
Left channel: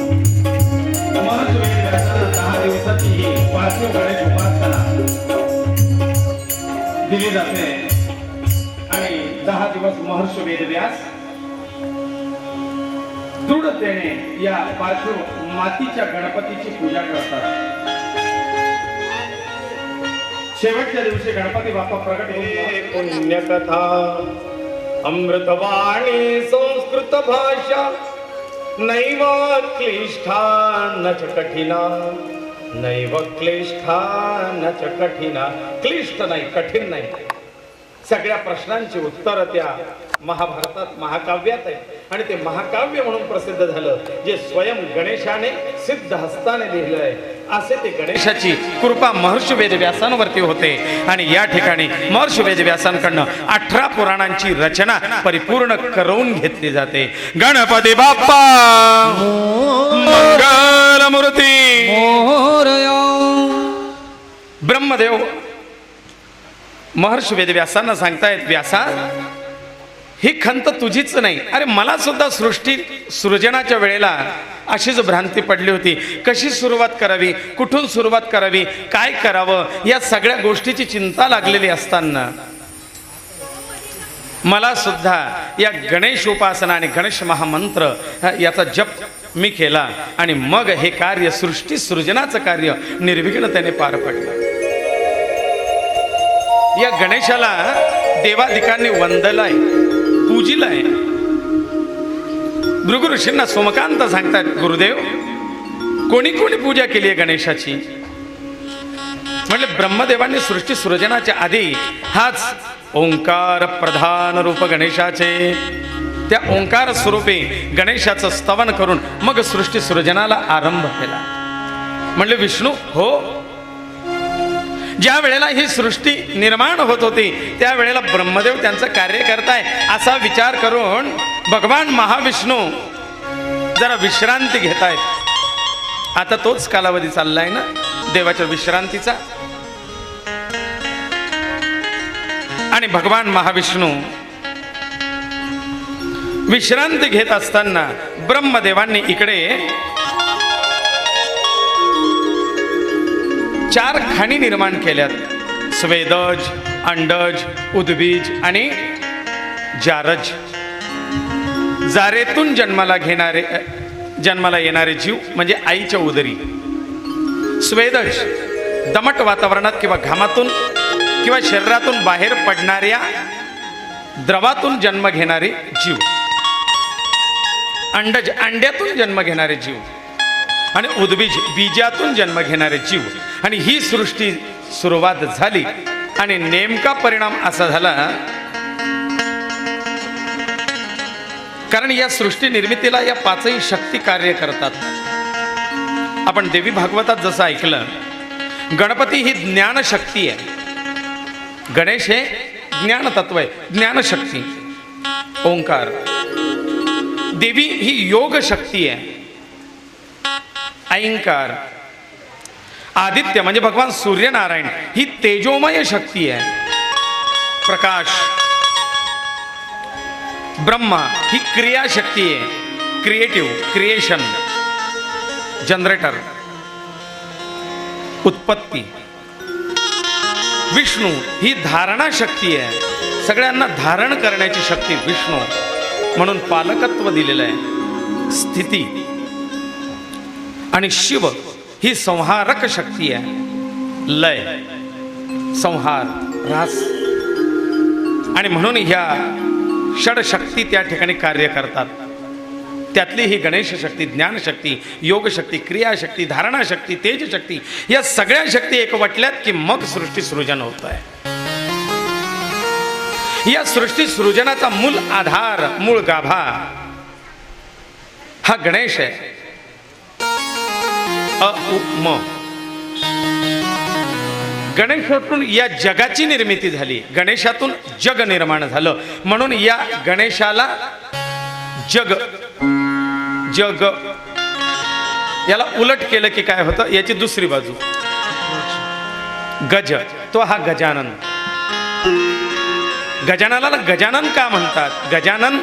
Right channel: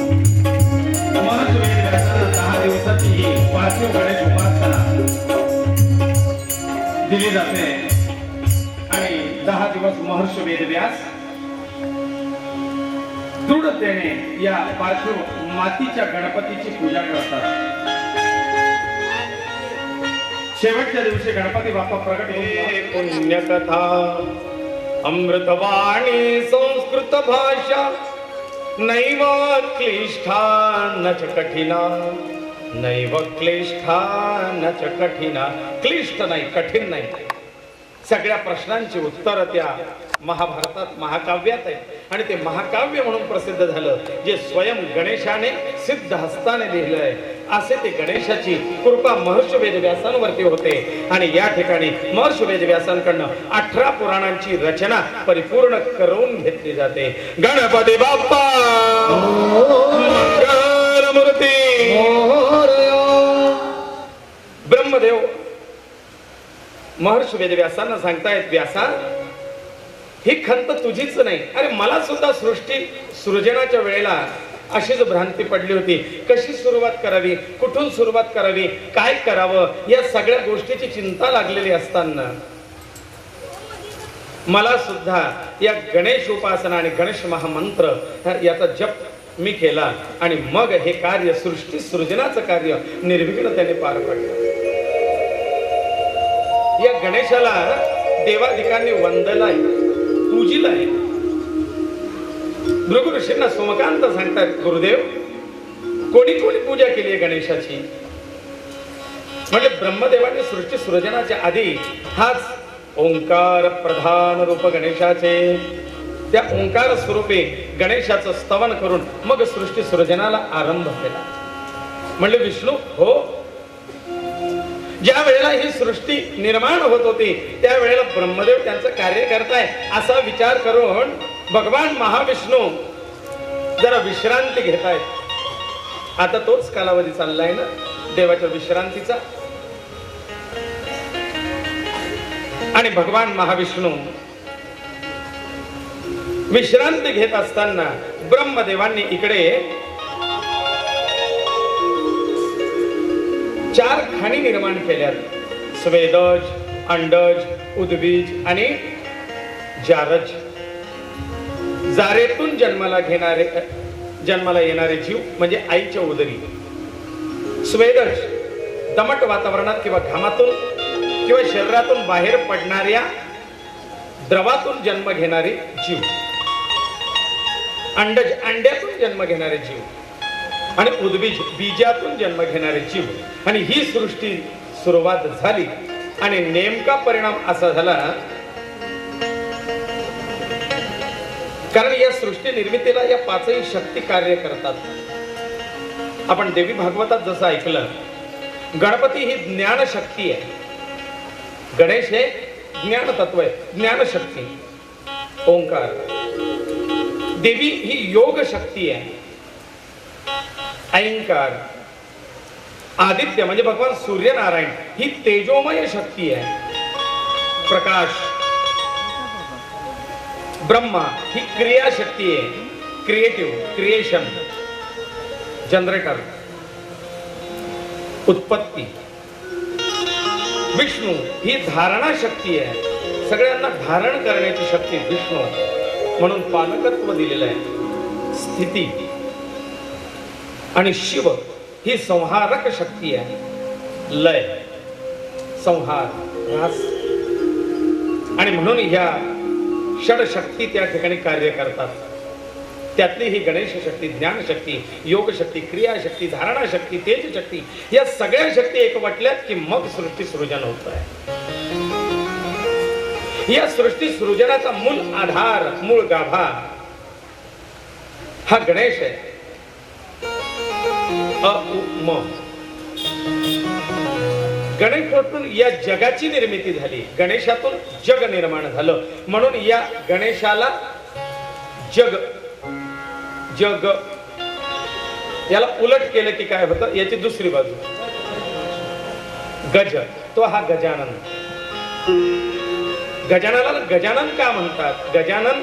महर्षी वेदव्यासांना 10 दिवसाची ही पार्थिव गणेश उपासना दिली जाते आणि 10 दिवस महर्षी वेदव्यास दृढतेने या पार्थिव मातीच्या गणपतीची पूजा करतात. शेवटच्या दिवशी गणपती बाप्पा प्रकट होऊन पुण्यकथा अमृतवाणी संस्कृत भाषा नैव क्लिष्ठा न च कठिना. नैव क्लिष्ठा न च कठिना. क्लिष्ट नाही, कठीण नाही. सगळ्या प्रश्नांची उत्तर त्या महाभारतात महाकाव्यात आहे आणि ते महाकाव्य म्हणून प्रसिद्ध झालं, जे स्वयं गणेशाने सिद्ध हस्ताने लिहिलंय. असे ते गणेशाची कृपा महर्षी वेदव्यासांवरती होते आणि या ठिकाणी महर्षी वेदव्यासांकडनं 18 पुराणांची रचना परिपूर्ण करून घेतली जाते. गणपती बाप्पा मंगलमूर्ती मोरया. ब्रह्मदेव महर्षी वेदव्यासांना सांगतायत, व्यासा ही खंत तुझीच नाही. अरे मला सुद्धा सृष्टी सृजनाच्या वेळेला अशीच भ्रांती पडली होती. कशी सुरुवात करावी, कुठून सुरुवात करावी, काय करावं, या सगळ्या गोष्टीची चिंता लागलेली असताना मला सुद्धा या गणेश उपासना आणि गणेश महामंत्र याचा जप मी केला आणि मग हे कार्य, सृष्टी सृजनाचं कार्य निर्विघ्नतेने पार पडलं. या गणेशाला देवाधिकांनी वंदलाय, पूजिलाय. भृगु ऋषींना सोमकांत सांगतायत, गुरुदेव कोणी कोणी पूजा केली आहे गणेशाची? म्हणजे ब्रह्मदेवांनी सृष्टी सृजनाच्या आधी हाच ओंकार प्रधान रूप गणेशाचे, त्या ओंकार स्वरूपी गणेशाचं स्तवन करून मग सृष्टी सृजनाला आरंभ केला. म्हणले विष्णू हो, ज्या वेळेला ही सृष्टी निर्माण होत होती त्या वेळेला ब्रह्मदेव त्यांचं कार्य करताय असा विचार करून भगवान महाविष्णू जरा विश्रांती घेतायत. आता तोच कालावधी चाललाय ना देवाच्या विश्रांतीचा. आणि भगवान महाविष्णू विश्रांती घेत असताना ब्रह्मदेवांनी इकडे 4 खाणी निर्माण केल्यात. स्वेदज, अंडज, उद्बीज आणि जारज. जारेतून जन्माला येणारे जीव म्हणजे आईच्या उदरी. स्वेदज दमट वातावरणात किंवा घामातून किंवा शरीरातून बाहेर पडणाऱ्या द्रवातून जन्म घेणारे जीव. अंडज अंड्यातून जन्म घेणारे जीव. आणि उद्बीज बीजातून जन्म घेणारे जीव. आणि ही सृष्टी सुरुवात झाली आणि नेमका परिणाम असा झाला, कारण या सृष्टी निर्मितीला या 5ही शक्ती कार्य करतात. आपण देवी भागवतात जसं ऐकलं, गणपती ही ज्ञान शक्ती आहे, गणेश हे ज्ञान तत्व आहे, ज्ञान शक्ती. ओंकार देवी ही योग शक्ती आहे. ऐंकार आदित्य म्हणजे भगवान सूर्यनारायण ही तेजोमय शक्ती आहे, प्रकाश. ब्रह्मा ही क्रिया शक्ती आहे, क्रिएटिव्ह, क्रिएशन, जनरेटर, उत्पत्ती. विष्णू ही धारणा शक्ती आहे, सगळ्यांना धारण करण्याची शक्ती विष्णू, म्हणून पालकत्व दिलेलं आहे, स्थिती. आणि शिव ही संहारक शक्ती आहे, लय, संहार, ऱ्हास. आणि म्हणून ह्या षड शक्ती त्या ठिकाणी कार्य करतात. त्यातली ही गणेश शक्ती, ज्ञान शक्ती, योग शक्ती, क्रिया शक्ती, धारणा शक्ती, तेज शक्ती, या सगळ्या शक्ती एकवटल्यात की मग सृष्टी सृजन होत आहे. या सृष्टी सृजनाचा मूळ आधार, मूळ गाभा हा गणेश आहे. म गणेशातून या जगाची निर्मिती झाली, गणेशातून जग निर्माण झालं. म्हणून या गणेशाला जग, जग याला उलट केलं की काय होतं, याची दुसरी बाजू गज, तो हा गजानन. गजाननाला गजानन का म्हणतात? गजानन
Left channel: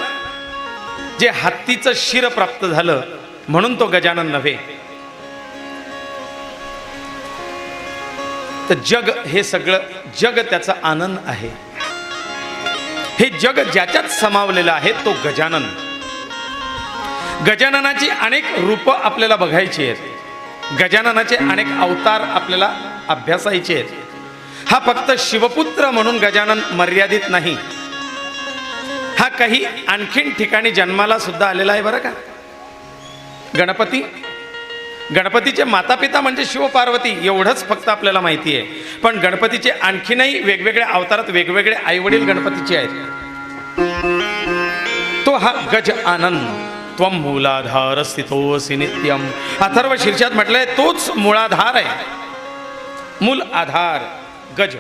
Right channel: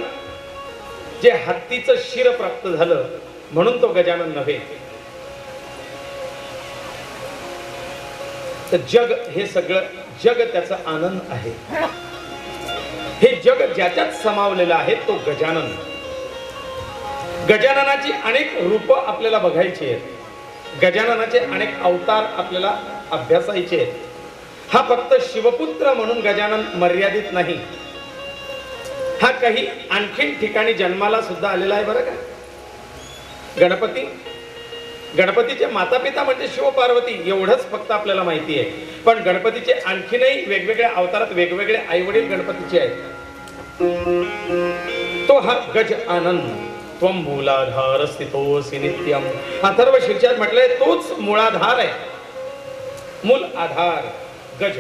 जे हत्तीचं शिर प्राप्त झालं म्हणून तो गजानन नव्हे. तर जग हे सगळं जग त्याचा आनंद आहे. हे जग ज्याच्यात समावलेलं आहे तो गजानन. गजाननाची अनेक रूप आपल्याला बघायची आहेत, गजाननाचे अनेक अवतार आपल्याला अभ्यासायचे आहेत. हा फक्त शिवपुत्र म्हणून गजानन मर्यादित नाही, हा काही आणखीन ठिकाणी जन्माला सुद्धा आलेला आहे बरं का. गणपती, गणपतीचे माता पिता म्हणजे शिव पार्वती एवढंच फक्त आपल्याला माहिती आहे. पण गणपतीचे आणखीनही वेगवेगळ्या अवतारात वेगवेगळे आई वडील गणपतीचे आहेत. तो हा गज आनंद. त्वं मूलाधार स्थितोऽसि नित्यम. अथर्व शीर्षात म्हटलंय तोच मूलाधार आहे, मूल आधार गज.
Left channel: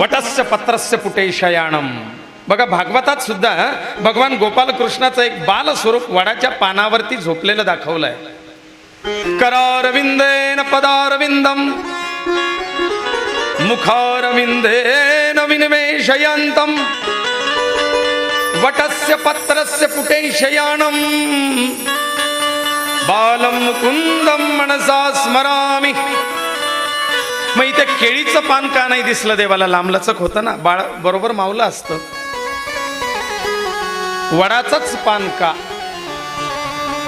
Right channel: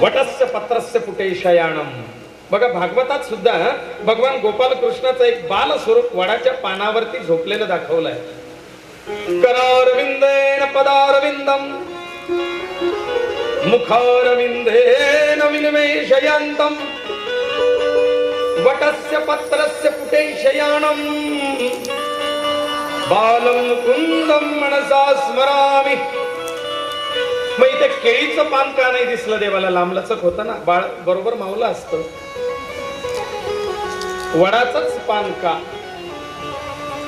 वटस्य पत्रस्य पुटे शयानम. बघा भागवतात सुद्धा भगवान गोपाल कृष्णाचं एक बाल स्वरूप वडाच्या पानावरती झोपलेलं दाखवलंय. करारविंदेन पदारविंदम मुखारविंदेन विनिमेषयन्तम वटस्य पत्रस्य पुटे शयानम बालम मुकुंदम मनसा स्मरामि. मग इथे केळीचं पान का नाही दिसलं देवाला? लांबलचक होतं ना, बाळ बरोबर मावलं असतं. वडाचंच पान का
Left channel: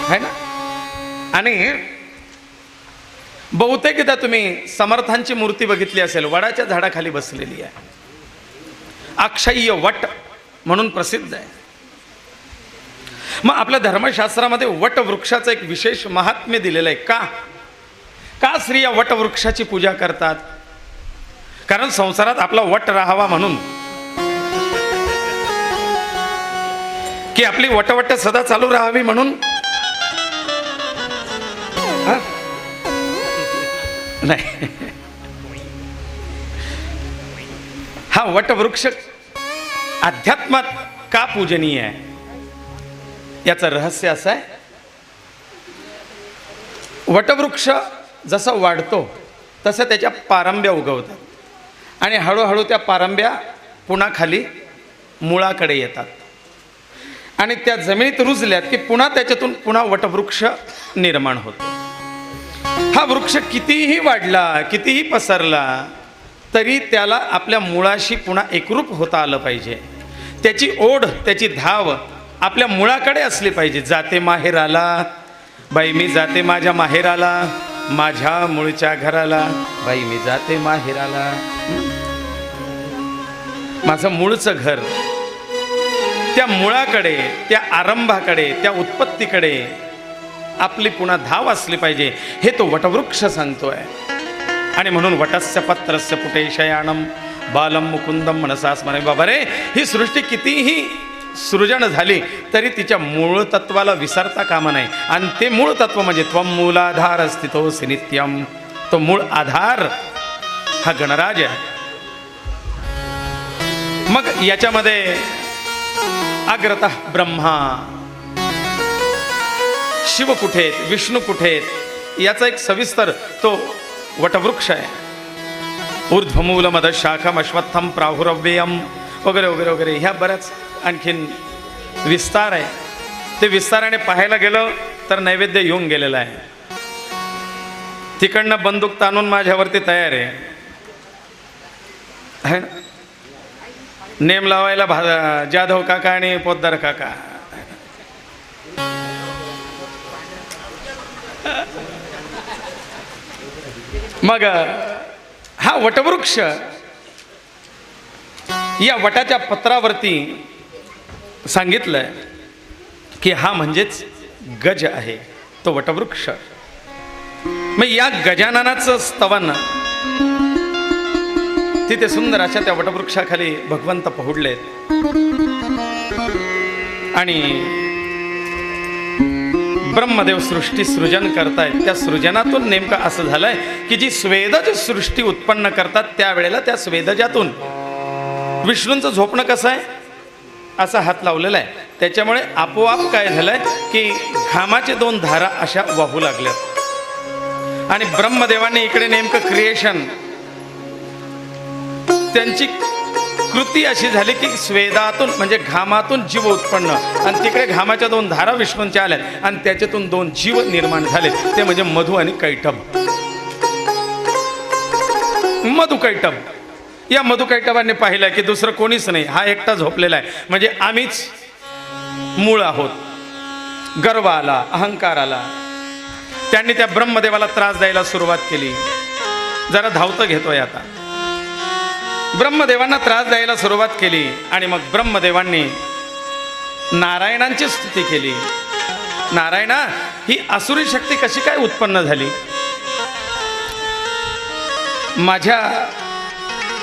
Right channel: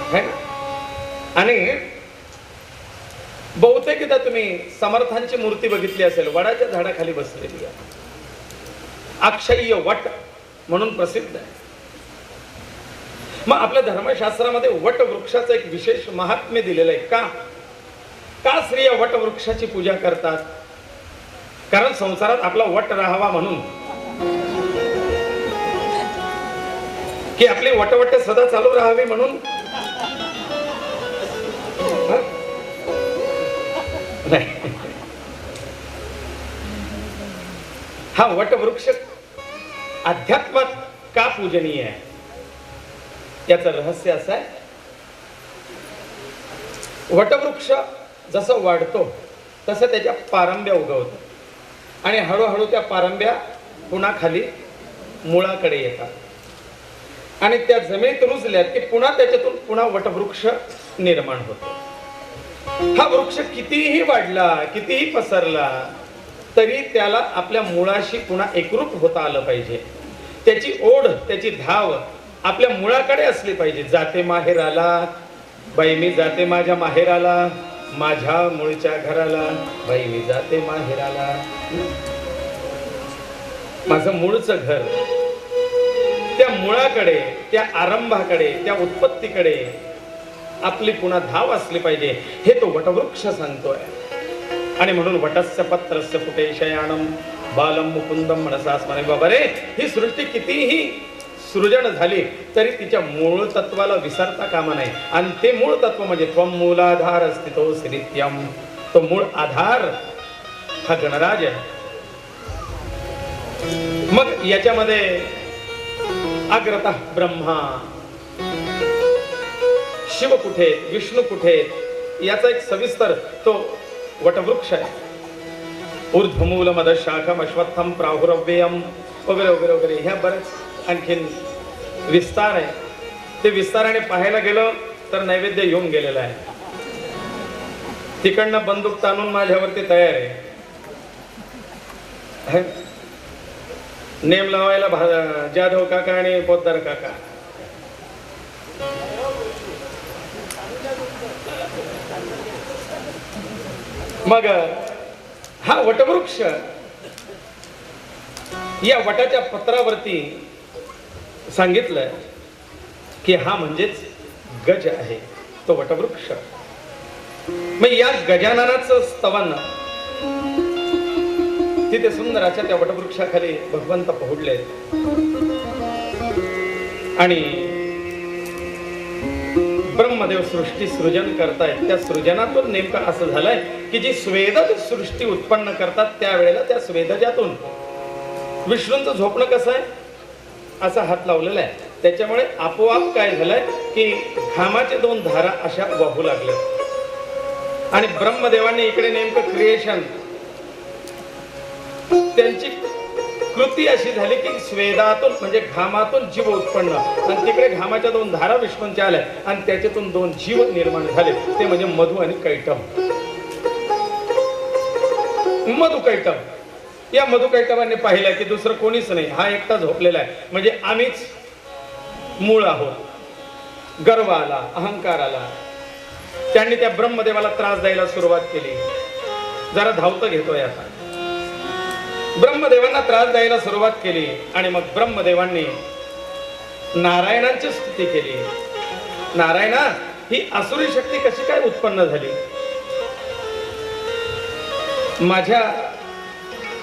है ना? आणि बहुतेकदा तुम्ही समर्थांची मूर्ती बघितली असेल, वडाच्या झाडाखाली बसलेली आहे. अक्षय्य वट म्हणून प्रसिद्ध आहे. मग आपल्या धर्मशास्त्रामध्ये वटवृक्षाचं एक विशेष महात्म्य दिलेलं आहे. का स्त्रिया वटवृक्षाची पूजा करतात? कारण संसारात आपला वट राहावा म्हणून, की आपली वटवट सदा चालू राहावी म्हणून. नाही, हा वटवृक्ष अध्यात्मात का पूजनीय आहे याचं रहस्य असं आहे. वटवृक्ष जसं वाढतो तसं त्याच्या पारंब्या उगवतात आणि हळूहळू त्या पारंब्या पुन्हा खाली मुळाकडे येतात आणि त्या जमिनीत रुजल्या की पुन्हा त्याच्यातून पुन्हा वटवृक्ष निर्माण होतो. हा वृक्ष कितीही वाढला, कितीही पसरला, तरी त्याला आपल्या मुळाशी पुन्हा एकरूप होता आलं पाहिजे. त्याची ओढ, त्याची धाव आपल्या मुळाकडे असली पाहिजे. जाते माहेराला बाई मी जाते माझ्या माहेराला, माझ्या मूळच्या घराला बाई मी जाते माहेराला. माझं मूळचं घर, त्या मुळाकडे, त्या आरंभाकडे, त्या उत्पत्तीकडे आपली पुन्हा धाव असली पाहिजे, हे तो वटवृक्ष सांगतोय. आणि म्हणून वटस्य पत्रस्य पुटे शयानम बालम मुकुंदम मनसा स्मरे. बाबा रे, ही सृष्टी कितीही सृजन झाली तरी तिच्या मूळ तत्वाला विसरता कामा नाही. आणि ते मूळ तत्व म्हणजे त्वम मूलाधार स्थितोऽसि नित्यम. तो मूळ आधार हा गणराज आहे. मग याच्यामध्ये अग्रतः ब्रह्मा, शिव कुठे आहेत, विष्णू कुठे आहेत, याचा एक सविस्तर तो वटवृक्ष आहे. ऊर्ध्वमूल मद शाखम अश्वत्थम प्राहुरव्ययम वगैरे वगैरे वगैरे, ह्या बऱ्याच आणखीन विस्तार आहे. ते विस्ताराने पाहायला गेलं तर नैवेद्य येऊन गेलेला आहे. तिकडनं बंदूक ताणून माझ्यावरती तयार आहे. नेम लावायला जाधव काका आणि पोद्दार काका. मग हा वटवृक्ष, या वटाच्या पत्रावरती सांगितलंय की हा म्हणजेच गज आहे, तो वटवृक्ष. मग या गजाननाचं स्तवन तिथे सुंदर अशा त्या वटवृक्षाखाली भगवंत पहुडले आणि ब्रह्मदेव सृष्टी सृजन करतायत. त्या सृजनातून नेमकं असं झालंय की जी स्वेदज सृष्टी उत्पन्न करतात त्यावेळेला त्या स्वेदजातून विष्णूंचं झोपणं कसं आहे, असा हात लावलेला आहे. त्याच्यामुळे आपोआप काय झालंय की घामाचे दोन धारा अशा वाहू लागल्या आणि ब्रह्मदेवाने इकडे नेमकं क्रिएशन, त्यांची कृती अशी झाली की स्वेदातून म्हणजे घामातून जीव उत्पन्न आणि तिकडे घामाच्या दोन धारा विष्णूंच्या आल्या आणि त्याच्यातून दोन जीव निर्माण झाले, ते म्हणजे मधु आणि कैटभ. मधु कैटभ, या मधु कैटभाने पाहिलं की दुसरं कोणीच नाही, हा एकटा झोपलेला आहे. म्हणजे आम्हीच मूळ आहोत. गर्व आला, अहंकार आला. त्यांनी त्या ब्रह्मदेवाला त्रास द्यायला सुरुवात केली. जरा धावतं घेतोय आता. ब्रह्मदेवांना त्रास द्यायला सुरुवात केली आणि मग ब्रह्मदेवांनी नारायणांची स्तुती केली. नारायणा, ही आसुरी शक्ती कशी काय उत्पन्न झाली? माझ्या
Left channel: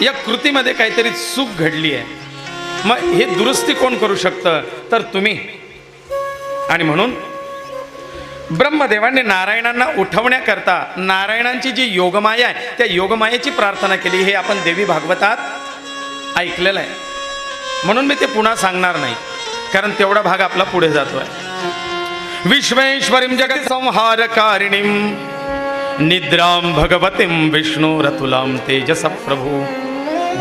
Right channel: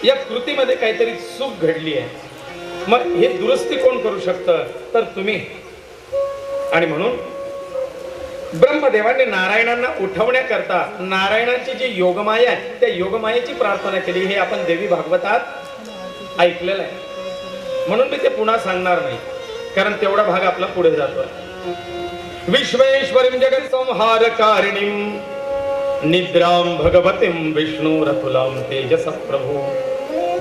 या कृतीमध्ये काहीतरी चूक घडली आहे. मग हे दुरुस्ती कोण करू शकतं? तर तुम्ही. आणि म्हणून ब्रह्मदेवाने नारायणांना उठवण्याकरता नारायणांची जी योगमाया आहे त्या योगमायेची प्रार्थना केली. हे आपण देवी भागवतात ऐकलेलं आहे, म्हणून मी ते पुन्हा सांगणार नाही, कारण तेवढा भाग आपला पुढे जातोय. विश्वेश्वरीं जगत संहारकारिणीं निद्रां भगवतीं विष्णोरतुलां तेजस प्रभू.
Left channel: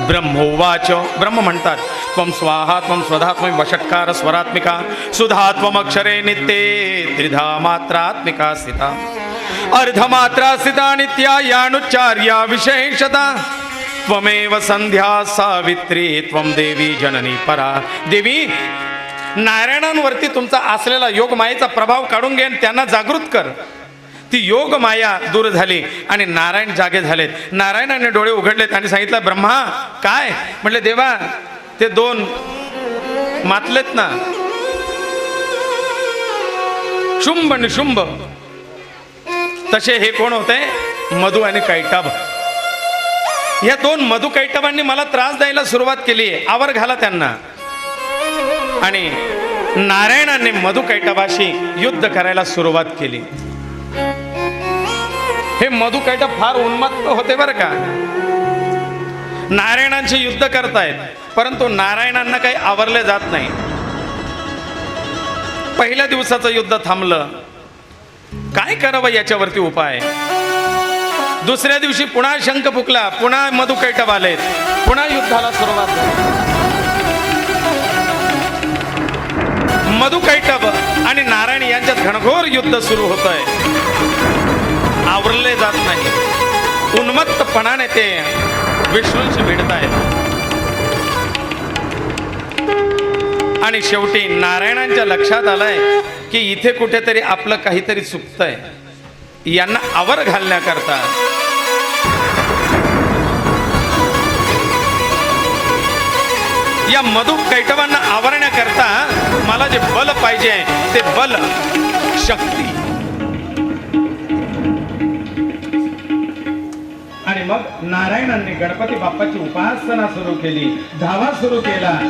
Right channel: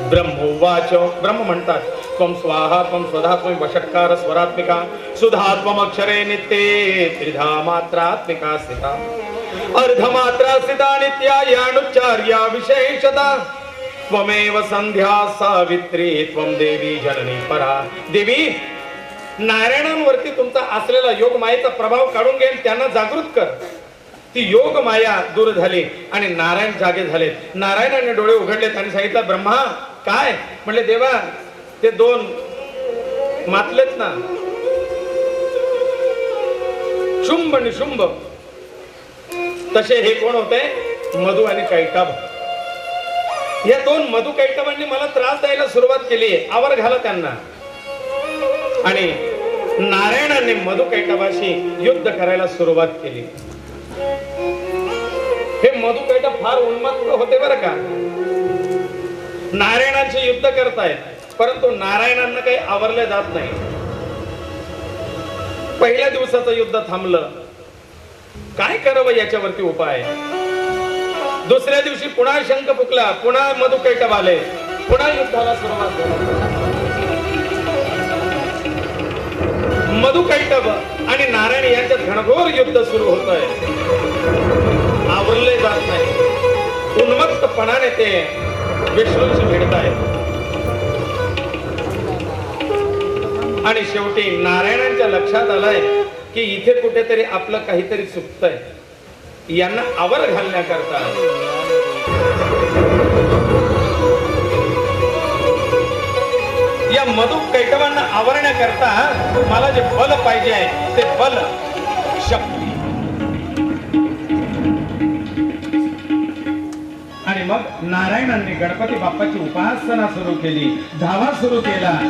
ब्रह्मोवाच, ब्रह्म म्हणतात, त्वं स्वाहा त्वं स्वधा त्वं वषट्कार स्वरात्मिका सुधा त्वं अक्षरे नित्ये त्रिधा मात्रात्मिका स्थिता अर्धमात्रा स्थिता नित्या यानुच्चार्या विशेषता त्वमेव संध्या सावित्री त्वं देवी जननी परा. देवी, नारायणांवरती तुमचा असलेला योग मायेचा प्रभाव काढून घेऊन त्यांना जागृत कर. ती योग माया दूर झाली आणि नारायण जागे झालेत. नारायणाने डोळे उघडलेत आणि सांगितलं, ब्रह्मा काय? म्हटले, देवा, ते दोन मातलेत ना शुंभ निशुंभ, तसे हे कोण होते? मधु आणि कैटभ. या दोन मधु कैटभांनी मला त्रास द्यायला सुरुवात केली. आवर घाला त्यांना. आणि नारायणाने मधु कैटभाशी युद्ध करायला सुरुवात केली. हे मधु कैटभ फार उन्मत्त होते बरं का. नारायणाचे युद्ध करतायत, परंतु नारायणांना काही आवरले जात नाही. पहिल्या दिवसाचं युद्ध थांबलं. काय करावं याच्यावरती उपाय. दुसऱ्या दिवशी पुन्हा शंख फुकला, पुन्हा मधु कैटभ आले, पुन्हा युद्धाला सुरुवात झाली. मधु कैटभ आणि नारायण यांच्यात घनघोर युद्ध सुरू होतंय. आवरले जात नाही. उन्मत्तपणाने ते विष्णूंशी भिडत आहेत. आणि शेवटी नारायणांच्या लक्षात आलंय की इथे कुठेतरी आपलं काहीतरी चुकतंय. यांना आवर घालण्याकरता या मधु कैटभांना आवरण्याकरता मला जे बल पाहिजे ते बल, शक्ती. आणि मग नारायणांनी गणपती बाप्पाची उपासना सुरू केली. धावा सुरू केला.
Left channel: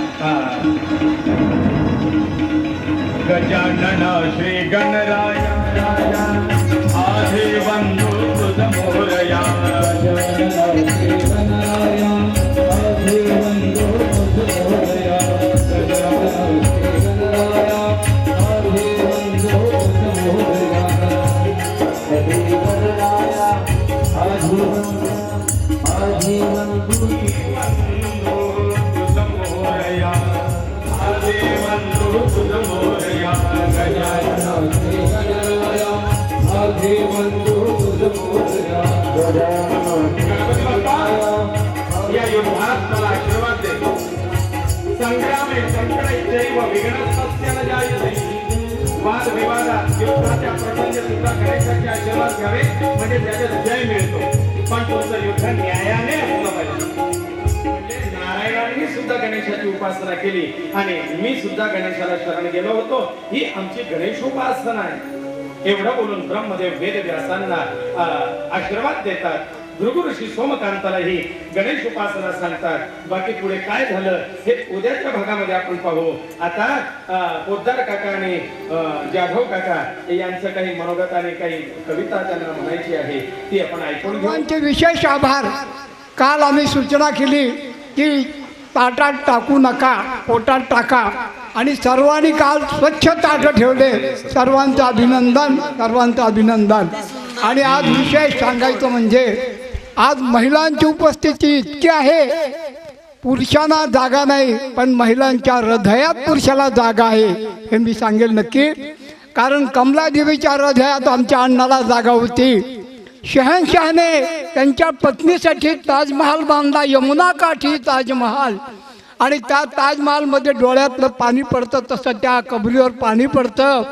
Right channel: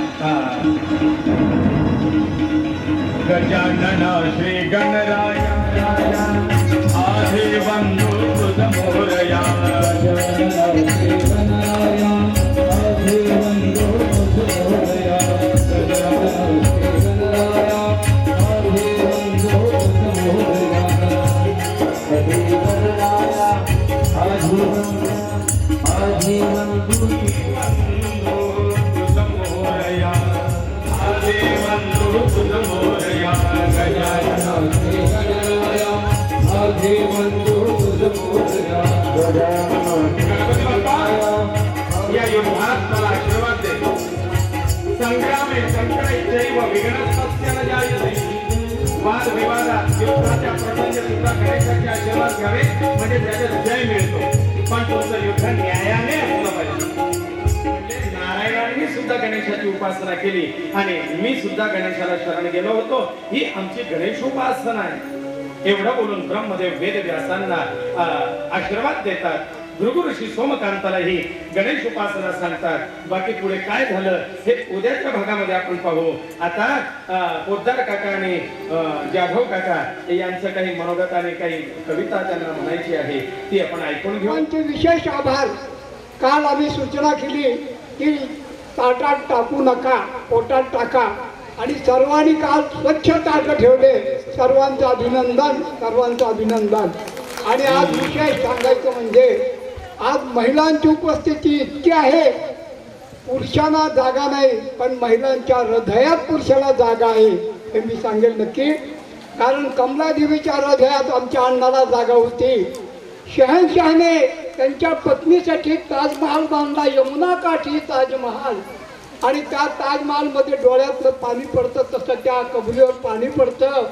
गजानन श्री गणराय आधी बंधू तुझ मोरया. गजानन श्री गणराय आधी बंधू तुझ मोरया. गजानन श्री गणराय आधी बंधू तुझ मोरया. श्री गणराय आधी बंधू तुझ मोरया. आधी बंधू तुझ मोरया. गजानन श्री गणराय आधी बंधू तुझ मोरया. गणपती बाप्पा या युद्धात मला आशीर्वाद दे. संग्रामे संकटैश्चैव विघ्नस्तस्य न जायते. वाद विवादात युद्धाच्या प्रसंगी सुद्धा गणेशाचे आशीर्वाद घ्यावे, म्हणजे त्याच्यात जय मिळतो. पण तुमचं युद्ध न्यायाने असलं पाहिजे. नारायणांनी सुद्धा गणेशाची उपासना केली आणि मी सुद्धा गणेशाला शरण गेलो होतो. ही आमची गणेशोपासना आहे. एवढं बोलून ब्रह्मदेव वेदव्यासांना आशीर्वाद देतात. भृगु ऋषी सोमकांतालाही गणेश उपासना सांगतात. बाकी पुढे काय झालं हे उद्याच्या भागामध्ये आपण पाहू. आता पोद्दार काका आणि जाधव काका यांचं काही मनोगत आणि काही कविता त्यांना म्हणायची आहे, ती आपण ऐकून घेऊ. त्यांचे विशेष आभार. काल आम्ही सूचना केली की ताटात टाकू नका, पोटात टाका, आणि सर्वांनी काल स्वच्छ ताट ठेवले. सर्वांचं अभिनंदन, सर्वांचं अभिनंदन. आणि आज विशेष सांगायचं म्हणजे आज महिलांची उपस्थिती इतकी आहे. पुरुषांना जागा नाही, पण महिलांच्या हृदयात पुरुषाला जागा आहे हे मी सांगेल नक्की. कारण कमलादेवीच्या हृदयात आमच्या अण्णाला जागा होती. शहनशहाने त्यांच्या पत्नीसाठी ताजमहाल बांधला, यमुना काठी ताजमहाल. आणि त्या ताजमहालमध्ये डोळ्यातलं पाणी पडतं तसं त्या कबरीवर पाणी पडतं.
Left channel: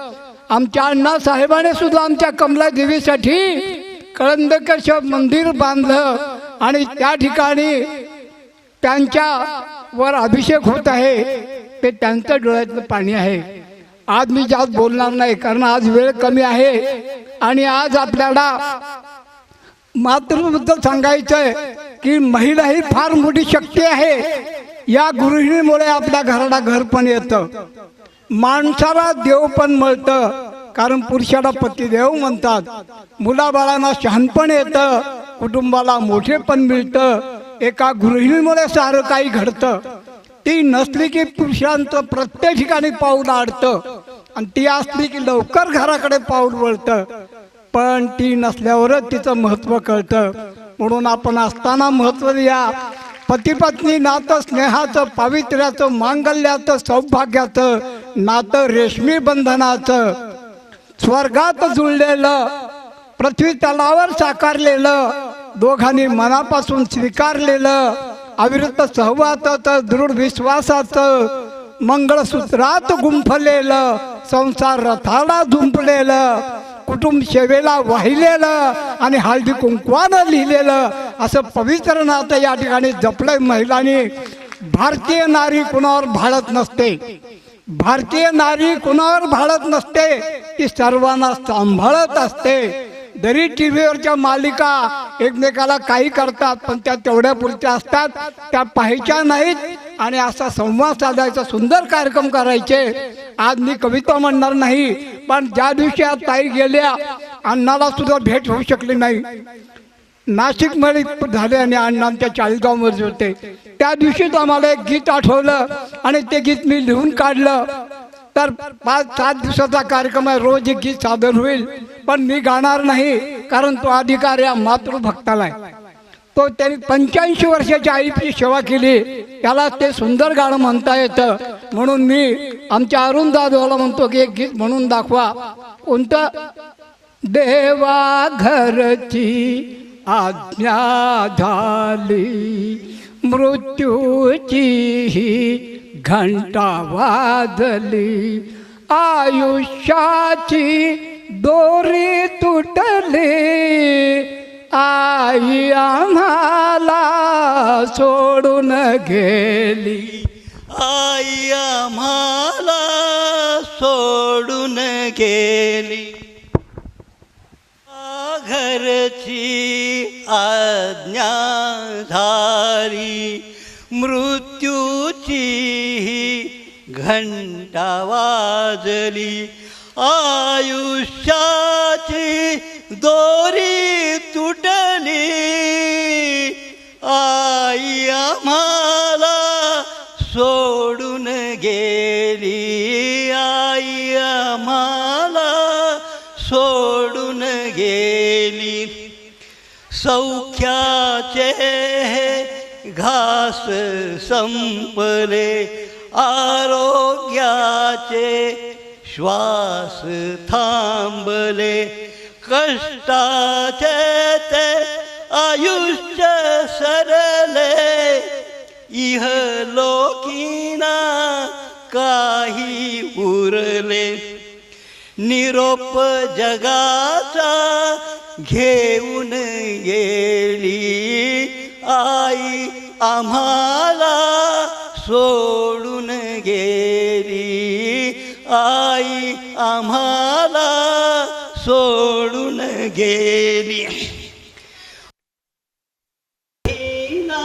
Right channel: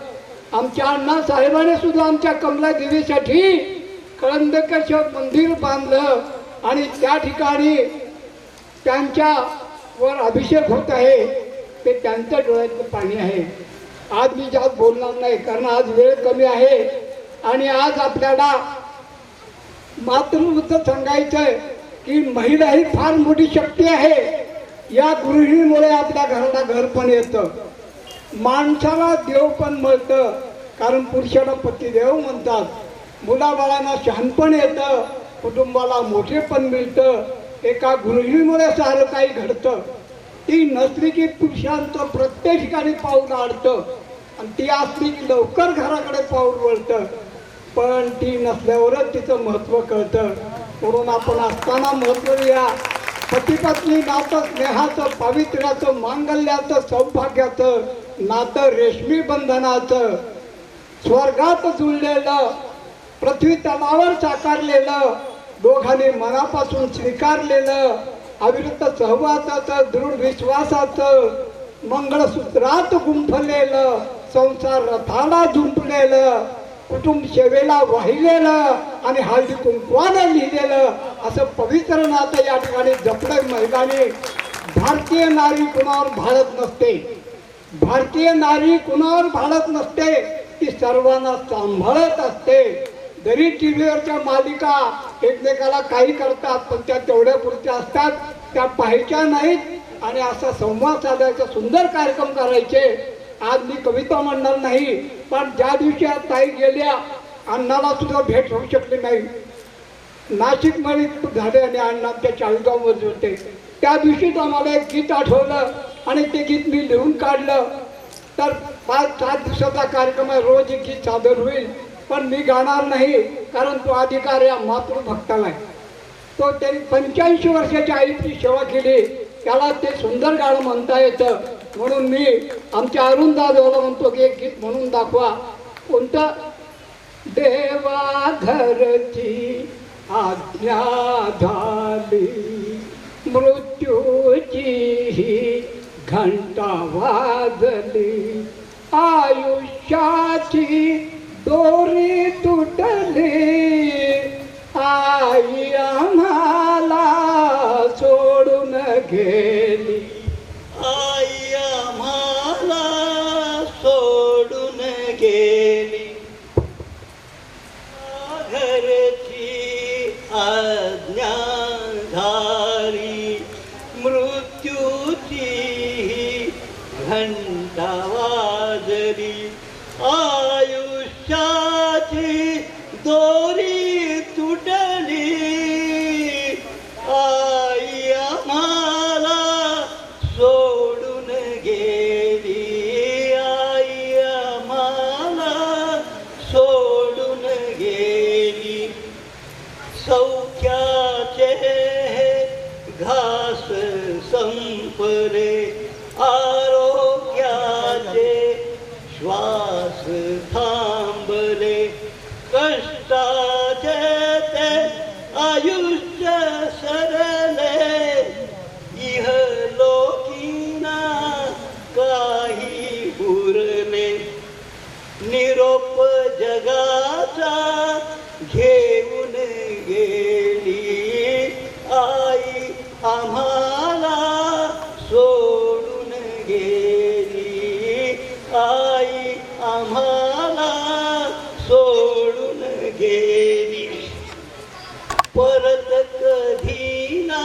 आमच्या अण्णासाहेबाने सुद्धा आमच्या कमलादेवीसाठी कळंदकश मंदिर बांधलं आणि त्या ठिकाणी त्यांच्यावर अभिषेक होत आहे. ते त्यांचं डोळ्यातलं पाणी आहे. आज मी जास्त बोलणार नाही कारण आज वेळ कमी आहे. आणि आज आपल्याला मातृबद्दल सांगायचं आहे की महिला ही फार मोठी शक्ती आहे. या गृहिणीमुळे आपल्या घराला घर पण येतं, माणसाला देव पण मिळतं. कारण पुरुषाला पतिदेव म्हणतात. मुलाबाळांना शहाणपण येतं, कुटुंबाला मोठेपण मिळतं. एका गृहिणीमुळे सारं काही घडतं. ती नसली की पुरुषांचं प्रत्येक ठिकाणी पाऊल अडतं, आणि ती असली की लवकर घराकडे पाऊल वळतं. पण ती नसल्यावरच तिचं महत्त्व कळतं. म्हणून आपण असताना महत्त्व द्या. पती-पत्नी नातं स्नेहाचं, पावित्र्याचं, मांगल्याचं, सौभाग्याचं नातं, रेशमी बंधनाचं, स्वर्गात जुळलेलं, पृथ्वी तलावर साकारलेलं, दोघांनी मनापासून स्वीकारलेलं, अविरत सहवासाचं, दृढ विश्वासाचं, मंगळसूत्रात गुंफलेलं, संसार रथाला झुंपलेलं, कुटुंब सेवेला वाहिलेलं आणि हळदी कुंकवानं लिहिलेलं असं पवित्र नातं या ठिकाणी जपलं महिलांनी. भारतीय नारी कुणावर भाळत नसते. भारतीय नारी कुणावर भाळत नसते, ती सर्वांना सांभाळत असते. जरी टी व्हीवरच्या मालिका एकमेकाला काही करतात, पण त्या तेवढ्या पुरत्या असतात, त्या पाहायच्या नाहीत आणि असा संवाद साधायचा, सुंदर कार्यक्रम करायचे. आज मी कविता म्हणणार नाही, पण ज्या दिवशी आज ताई गेल्या, अण्णाला सुद्धा भेट होऊ शकली नाही. नाशिकमध्ये झाले आणि अण्णांच्या 40 गावामध्ये होते. त्या दिवशीच आम्हाला एक गीत आठवलं आणि ते गीत मी लिहून काढलं. तर 5-7 दिवसाचा कार्यक्रम आहे, रोज एक गीत सादर होईल, पण मी गाणार नाही, कारण तो अधिकार या मातृभक्ताला आहे. तो त्यांनी 85 वर्षाच्या आईची सेवा केली, त्याला ते सुंदर गाणं म्हणता येतं. म्हणून मी आमच्या अरुण दादाला म्हणतो की एक गीत म्हणून दाखवा. कोणतं? देवा घरची आज्ञा झाली, मृत्यूची घंटा वाजली, आयुष्याची दोरी तुटली, आई आम्हाला सोडून गेली. आई आम्हाला सोडून गेली. घरची आज्ञा झाली, मृत्यूची घंटा वाजली, आयुष्याची दोरी तुटली, आई आम्हाला सोडून गेली, आई आम्हाला सोडून गेली. सौख्याचे घास संपले, आरोग्याचे श्वास थांबले, कष्टाचे ते आयुष्य सरले, इहलोकीना काही उरले. निरोप जगाचा घेऊन गेली, आई आम्हाला सोडून गेली, आई आम्हाला सोडून गेली. परत कधी ना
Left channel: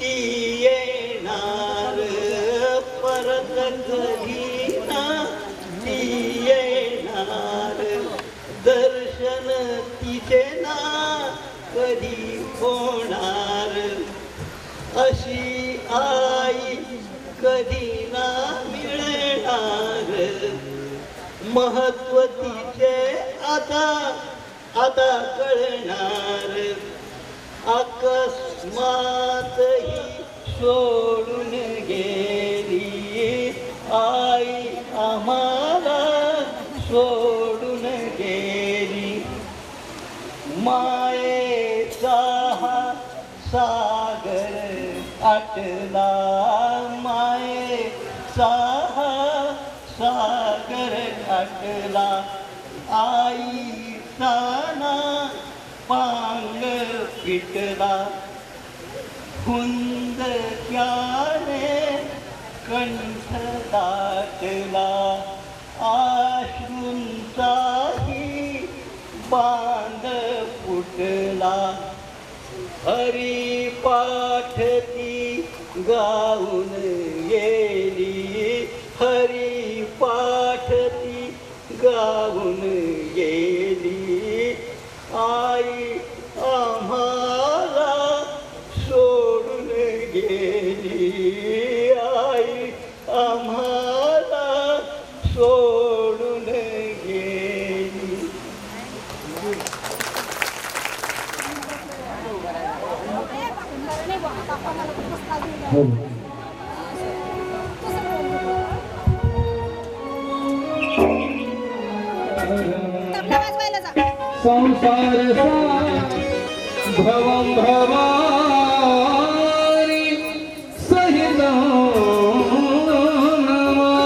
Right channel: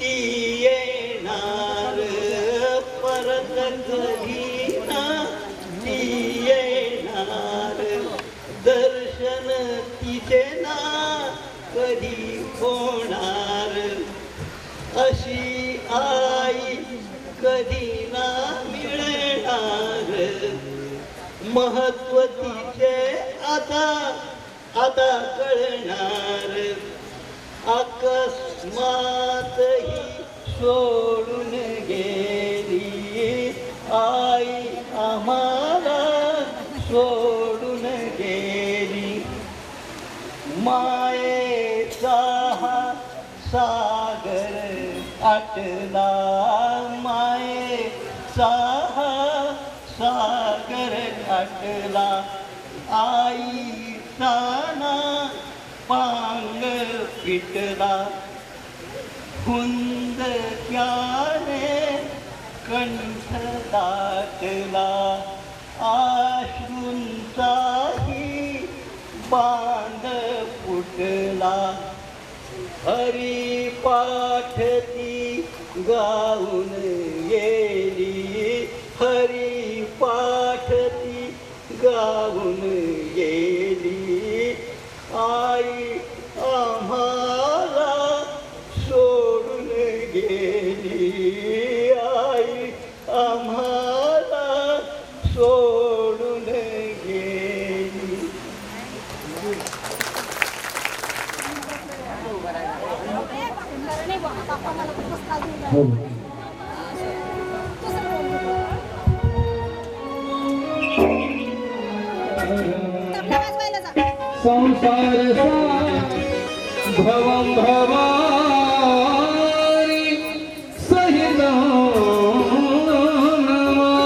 ती येणार, परत कधी ना ती येणार, दर्शन तिचे ना कधी होणार, अशी आई कधी ना मिळणार. महत्व तिचे आता आता कळणार, अकस्मात ही सोडून गेली, आई आम्हाला सोडून गेली. मायेचा हा सागर आटला, मायेचा हा सागर आटला, आईचा ना पांग पिटला, हुंदक्याने कंठ दाटला, आश्रूंचाही बांध फुटला. हरिपाठ ती गाऊन गेली, हरिपाठ ती गाऊन गेली, आई आम्हाला सोडून गेली, आई आम्हाला सोडून गेली. हो. संसार भवं भवानी सहितं नमामि.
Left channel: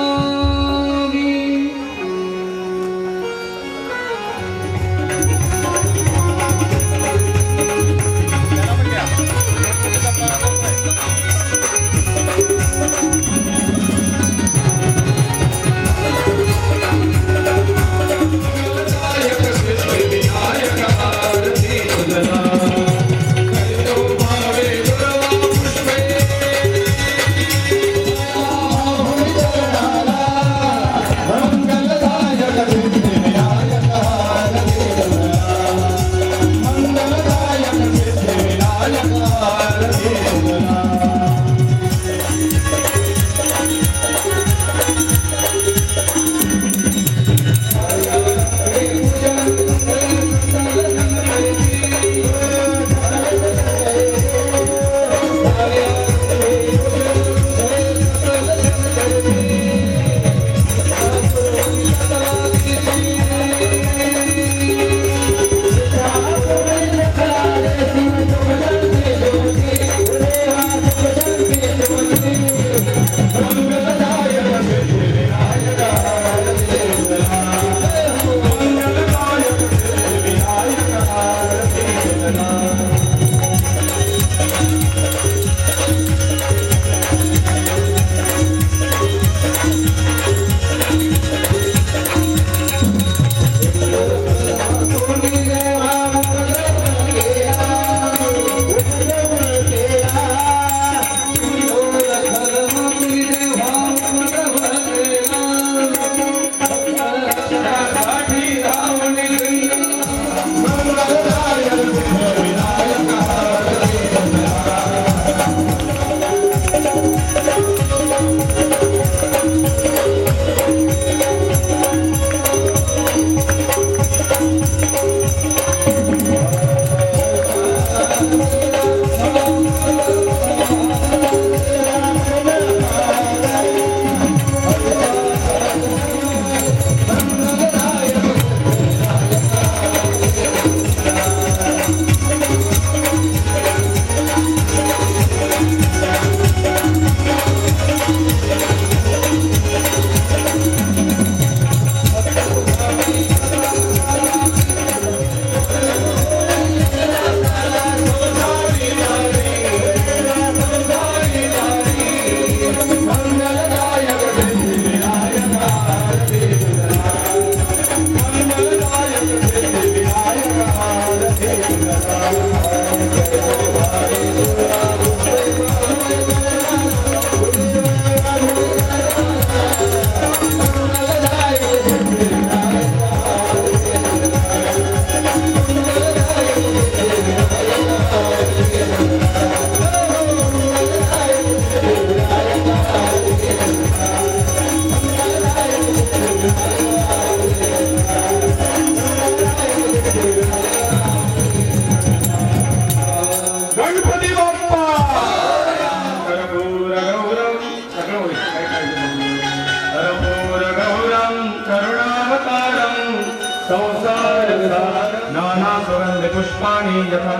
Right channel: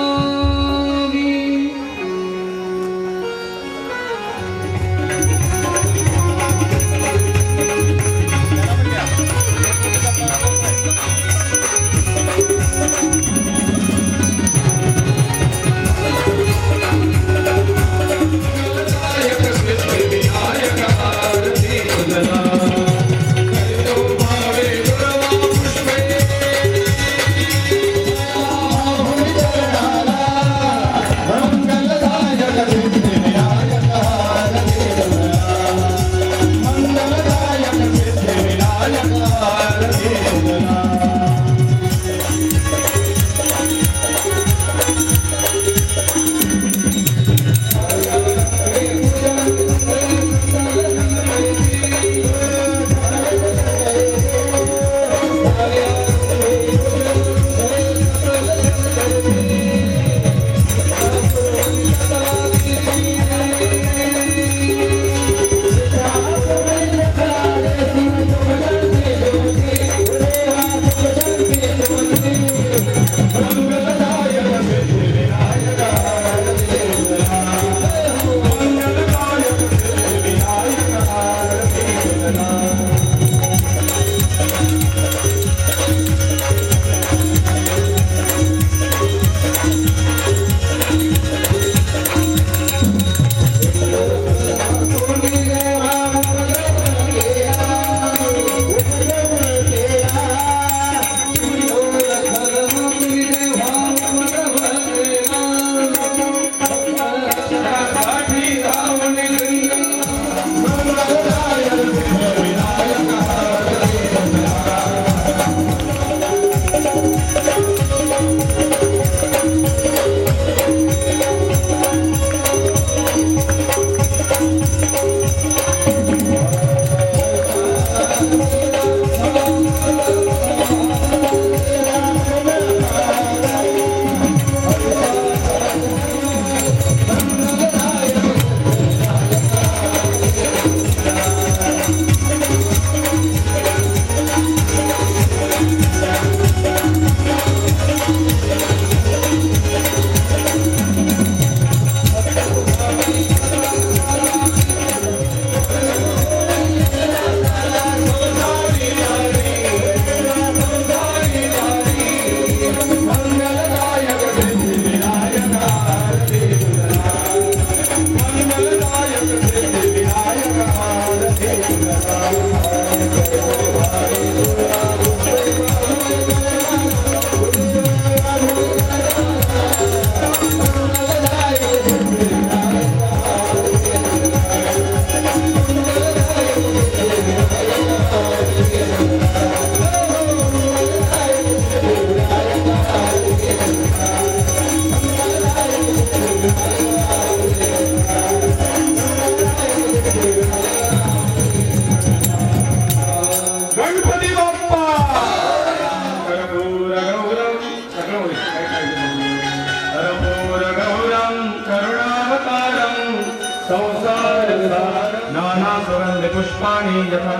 पुष्पाणि यथा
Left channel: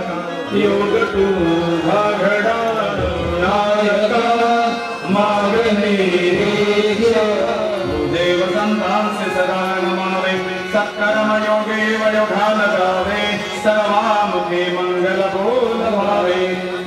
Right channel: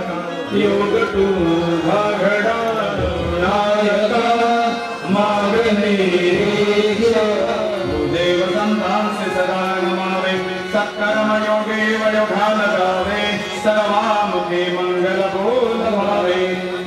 योग तू घडा नायका मागणे देव संतांसे सदा नमावे सत्कर्म योगे वयोगान गावे सर्वामुखे मंगल बोल भावे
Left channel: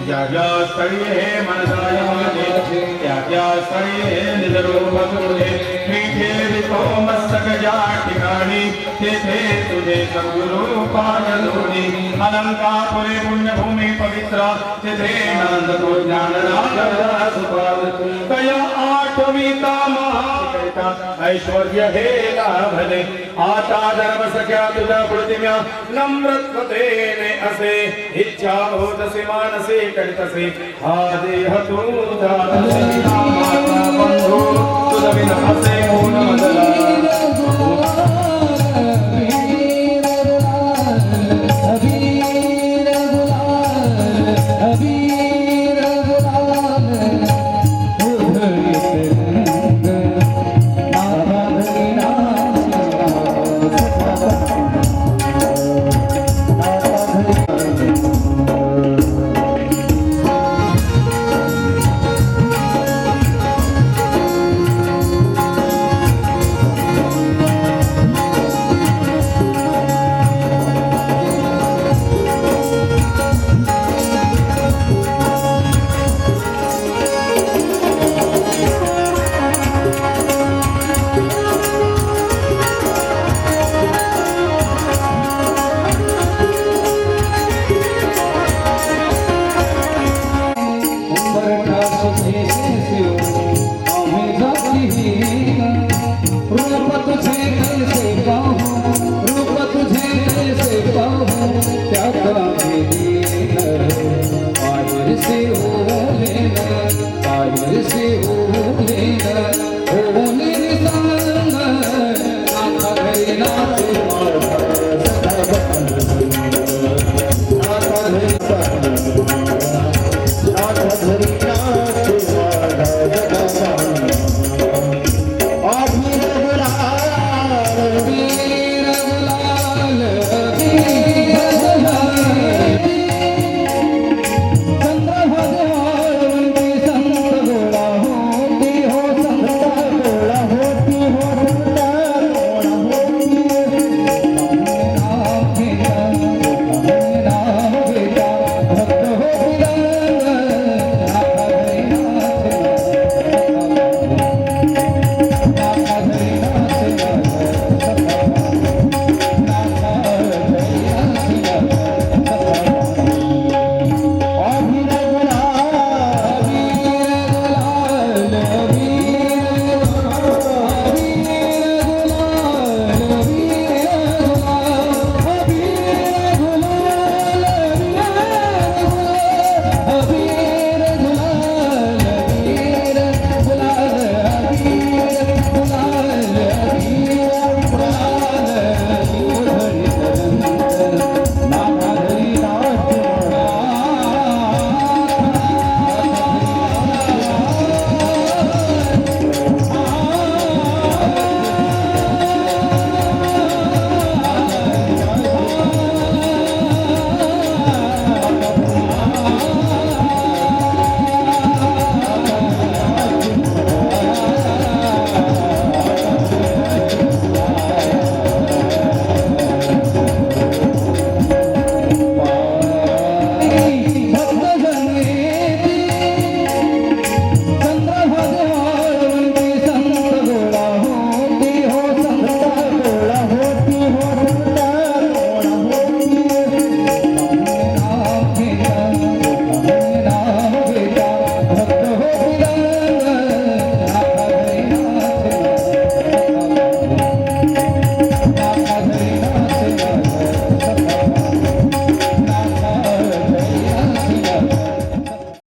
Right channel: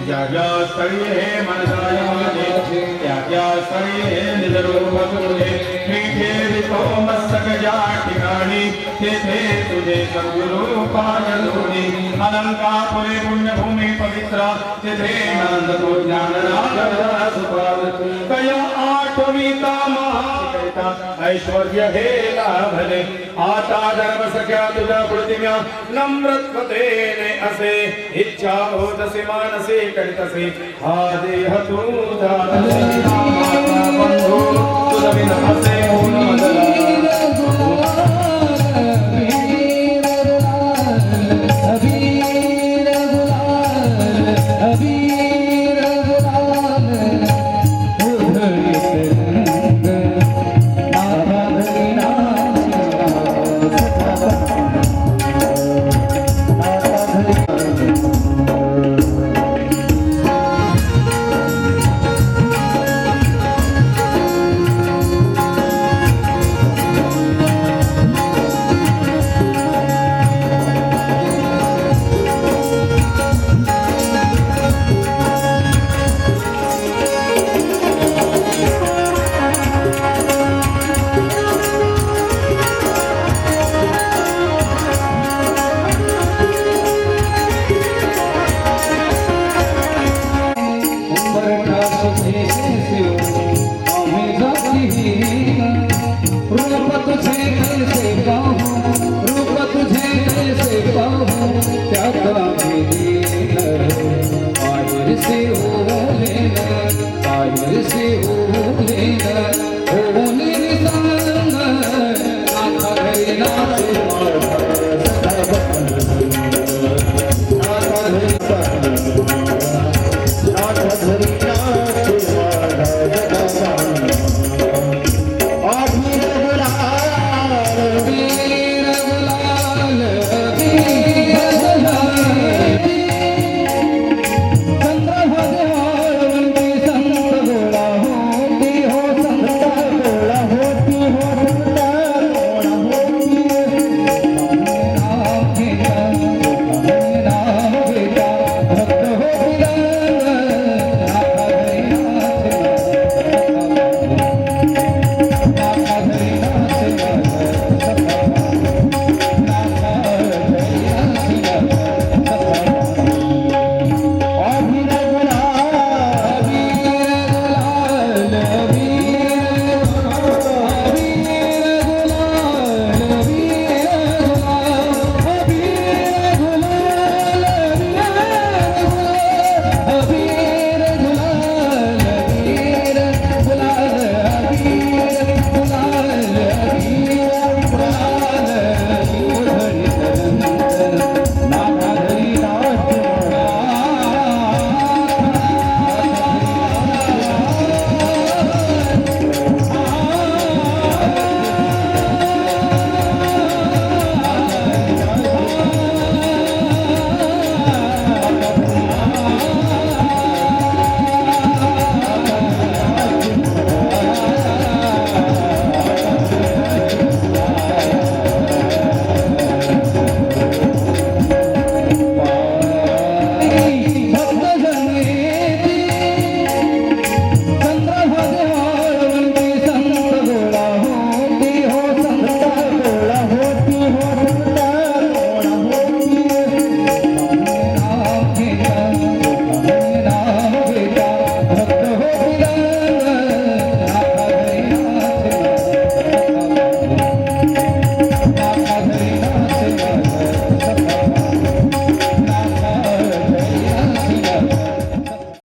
ज्या स्थळी हे मनसाय माझे त्या स्थळी हे निजरूप तुझे मी ठेवितो मस्तक ज्या ठिकाणी तेथे तुझे सद्गुरु पायलोनी अलंकापुरी पुण्यभूमी पवित्र तेथे नंद तो ज्ञाननाथ सुपाद कया आठविता महाकरिता ऐश्वर्य हे लाभले आता धर्म सख्या तुझ्या प्रतिम्या नम्रत्वतेने असे इच्छा होतसे मानसे करितसे हा देह तुझा माता बंधू तुझ विना असे होऊन मजला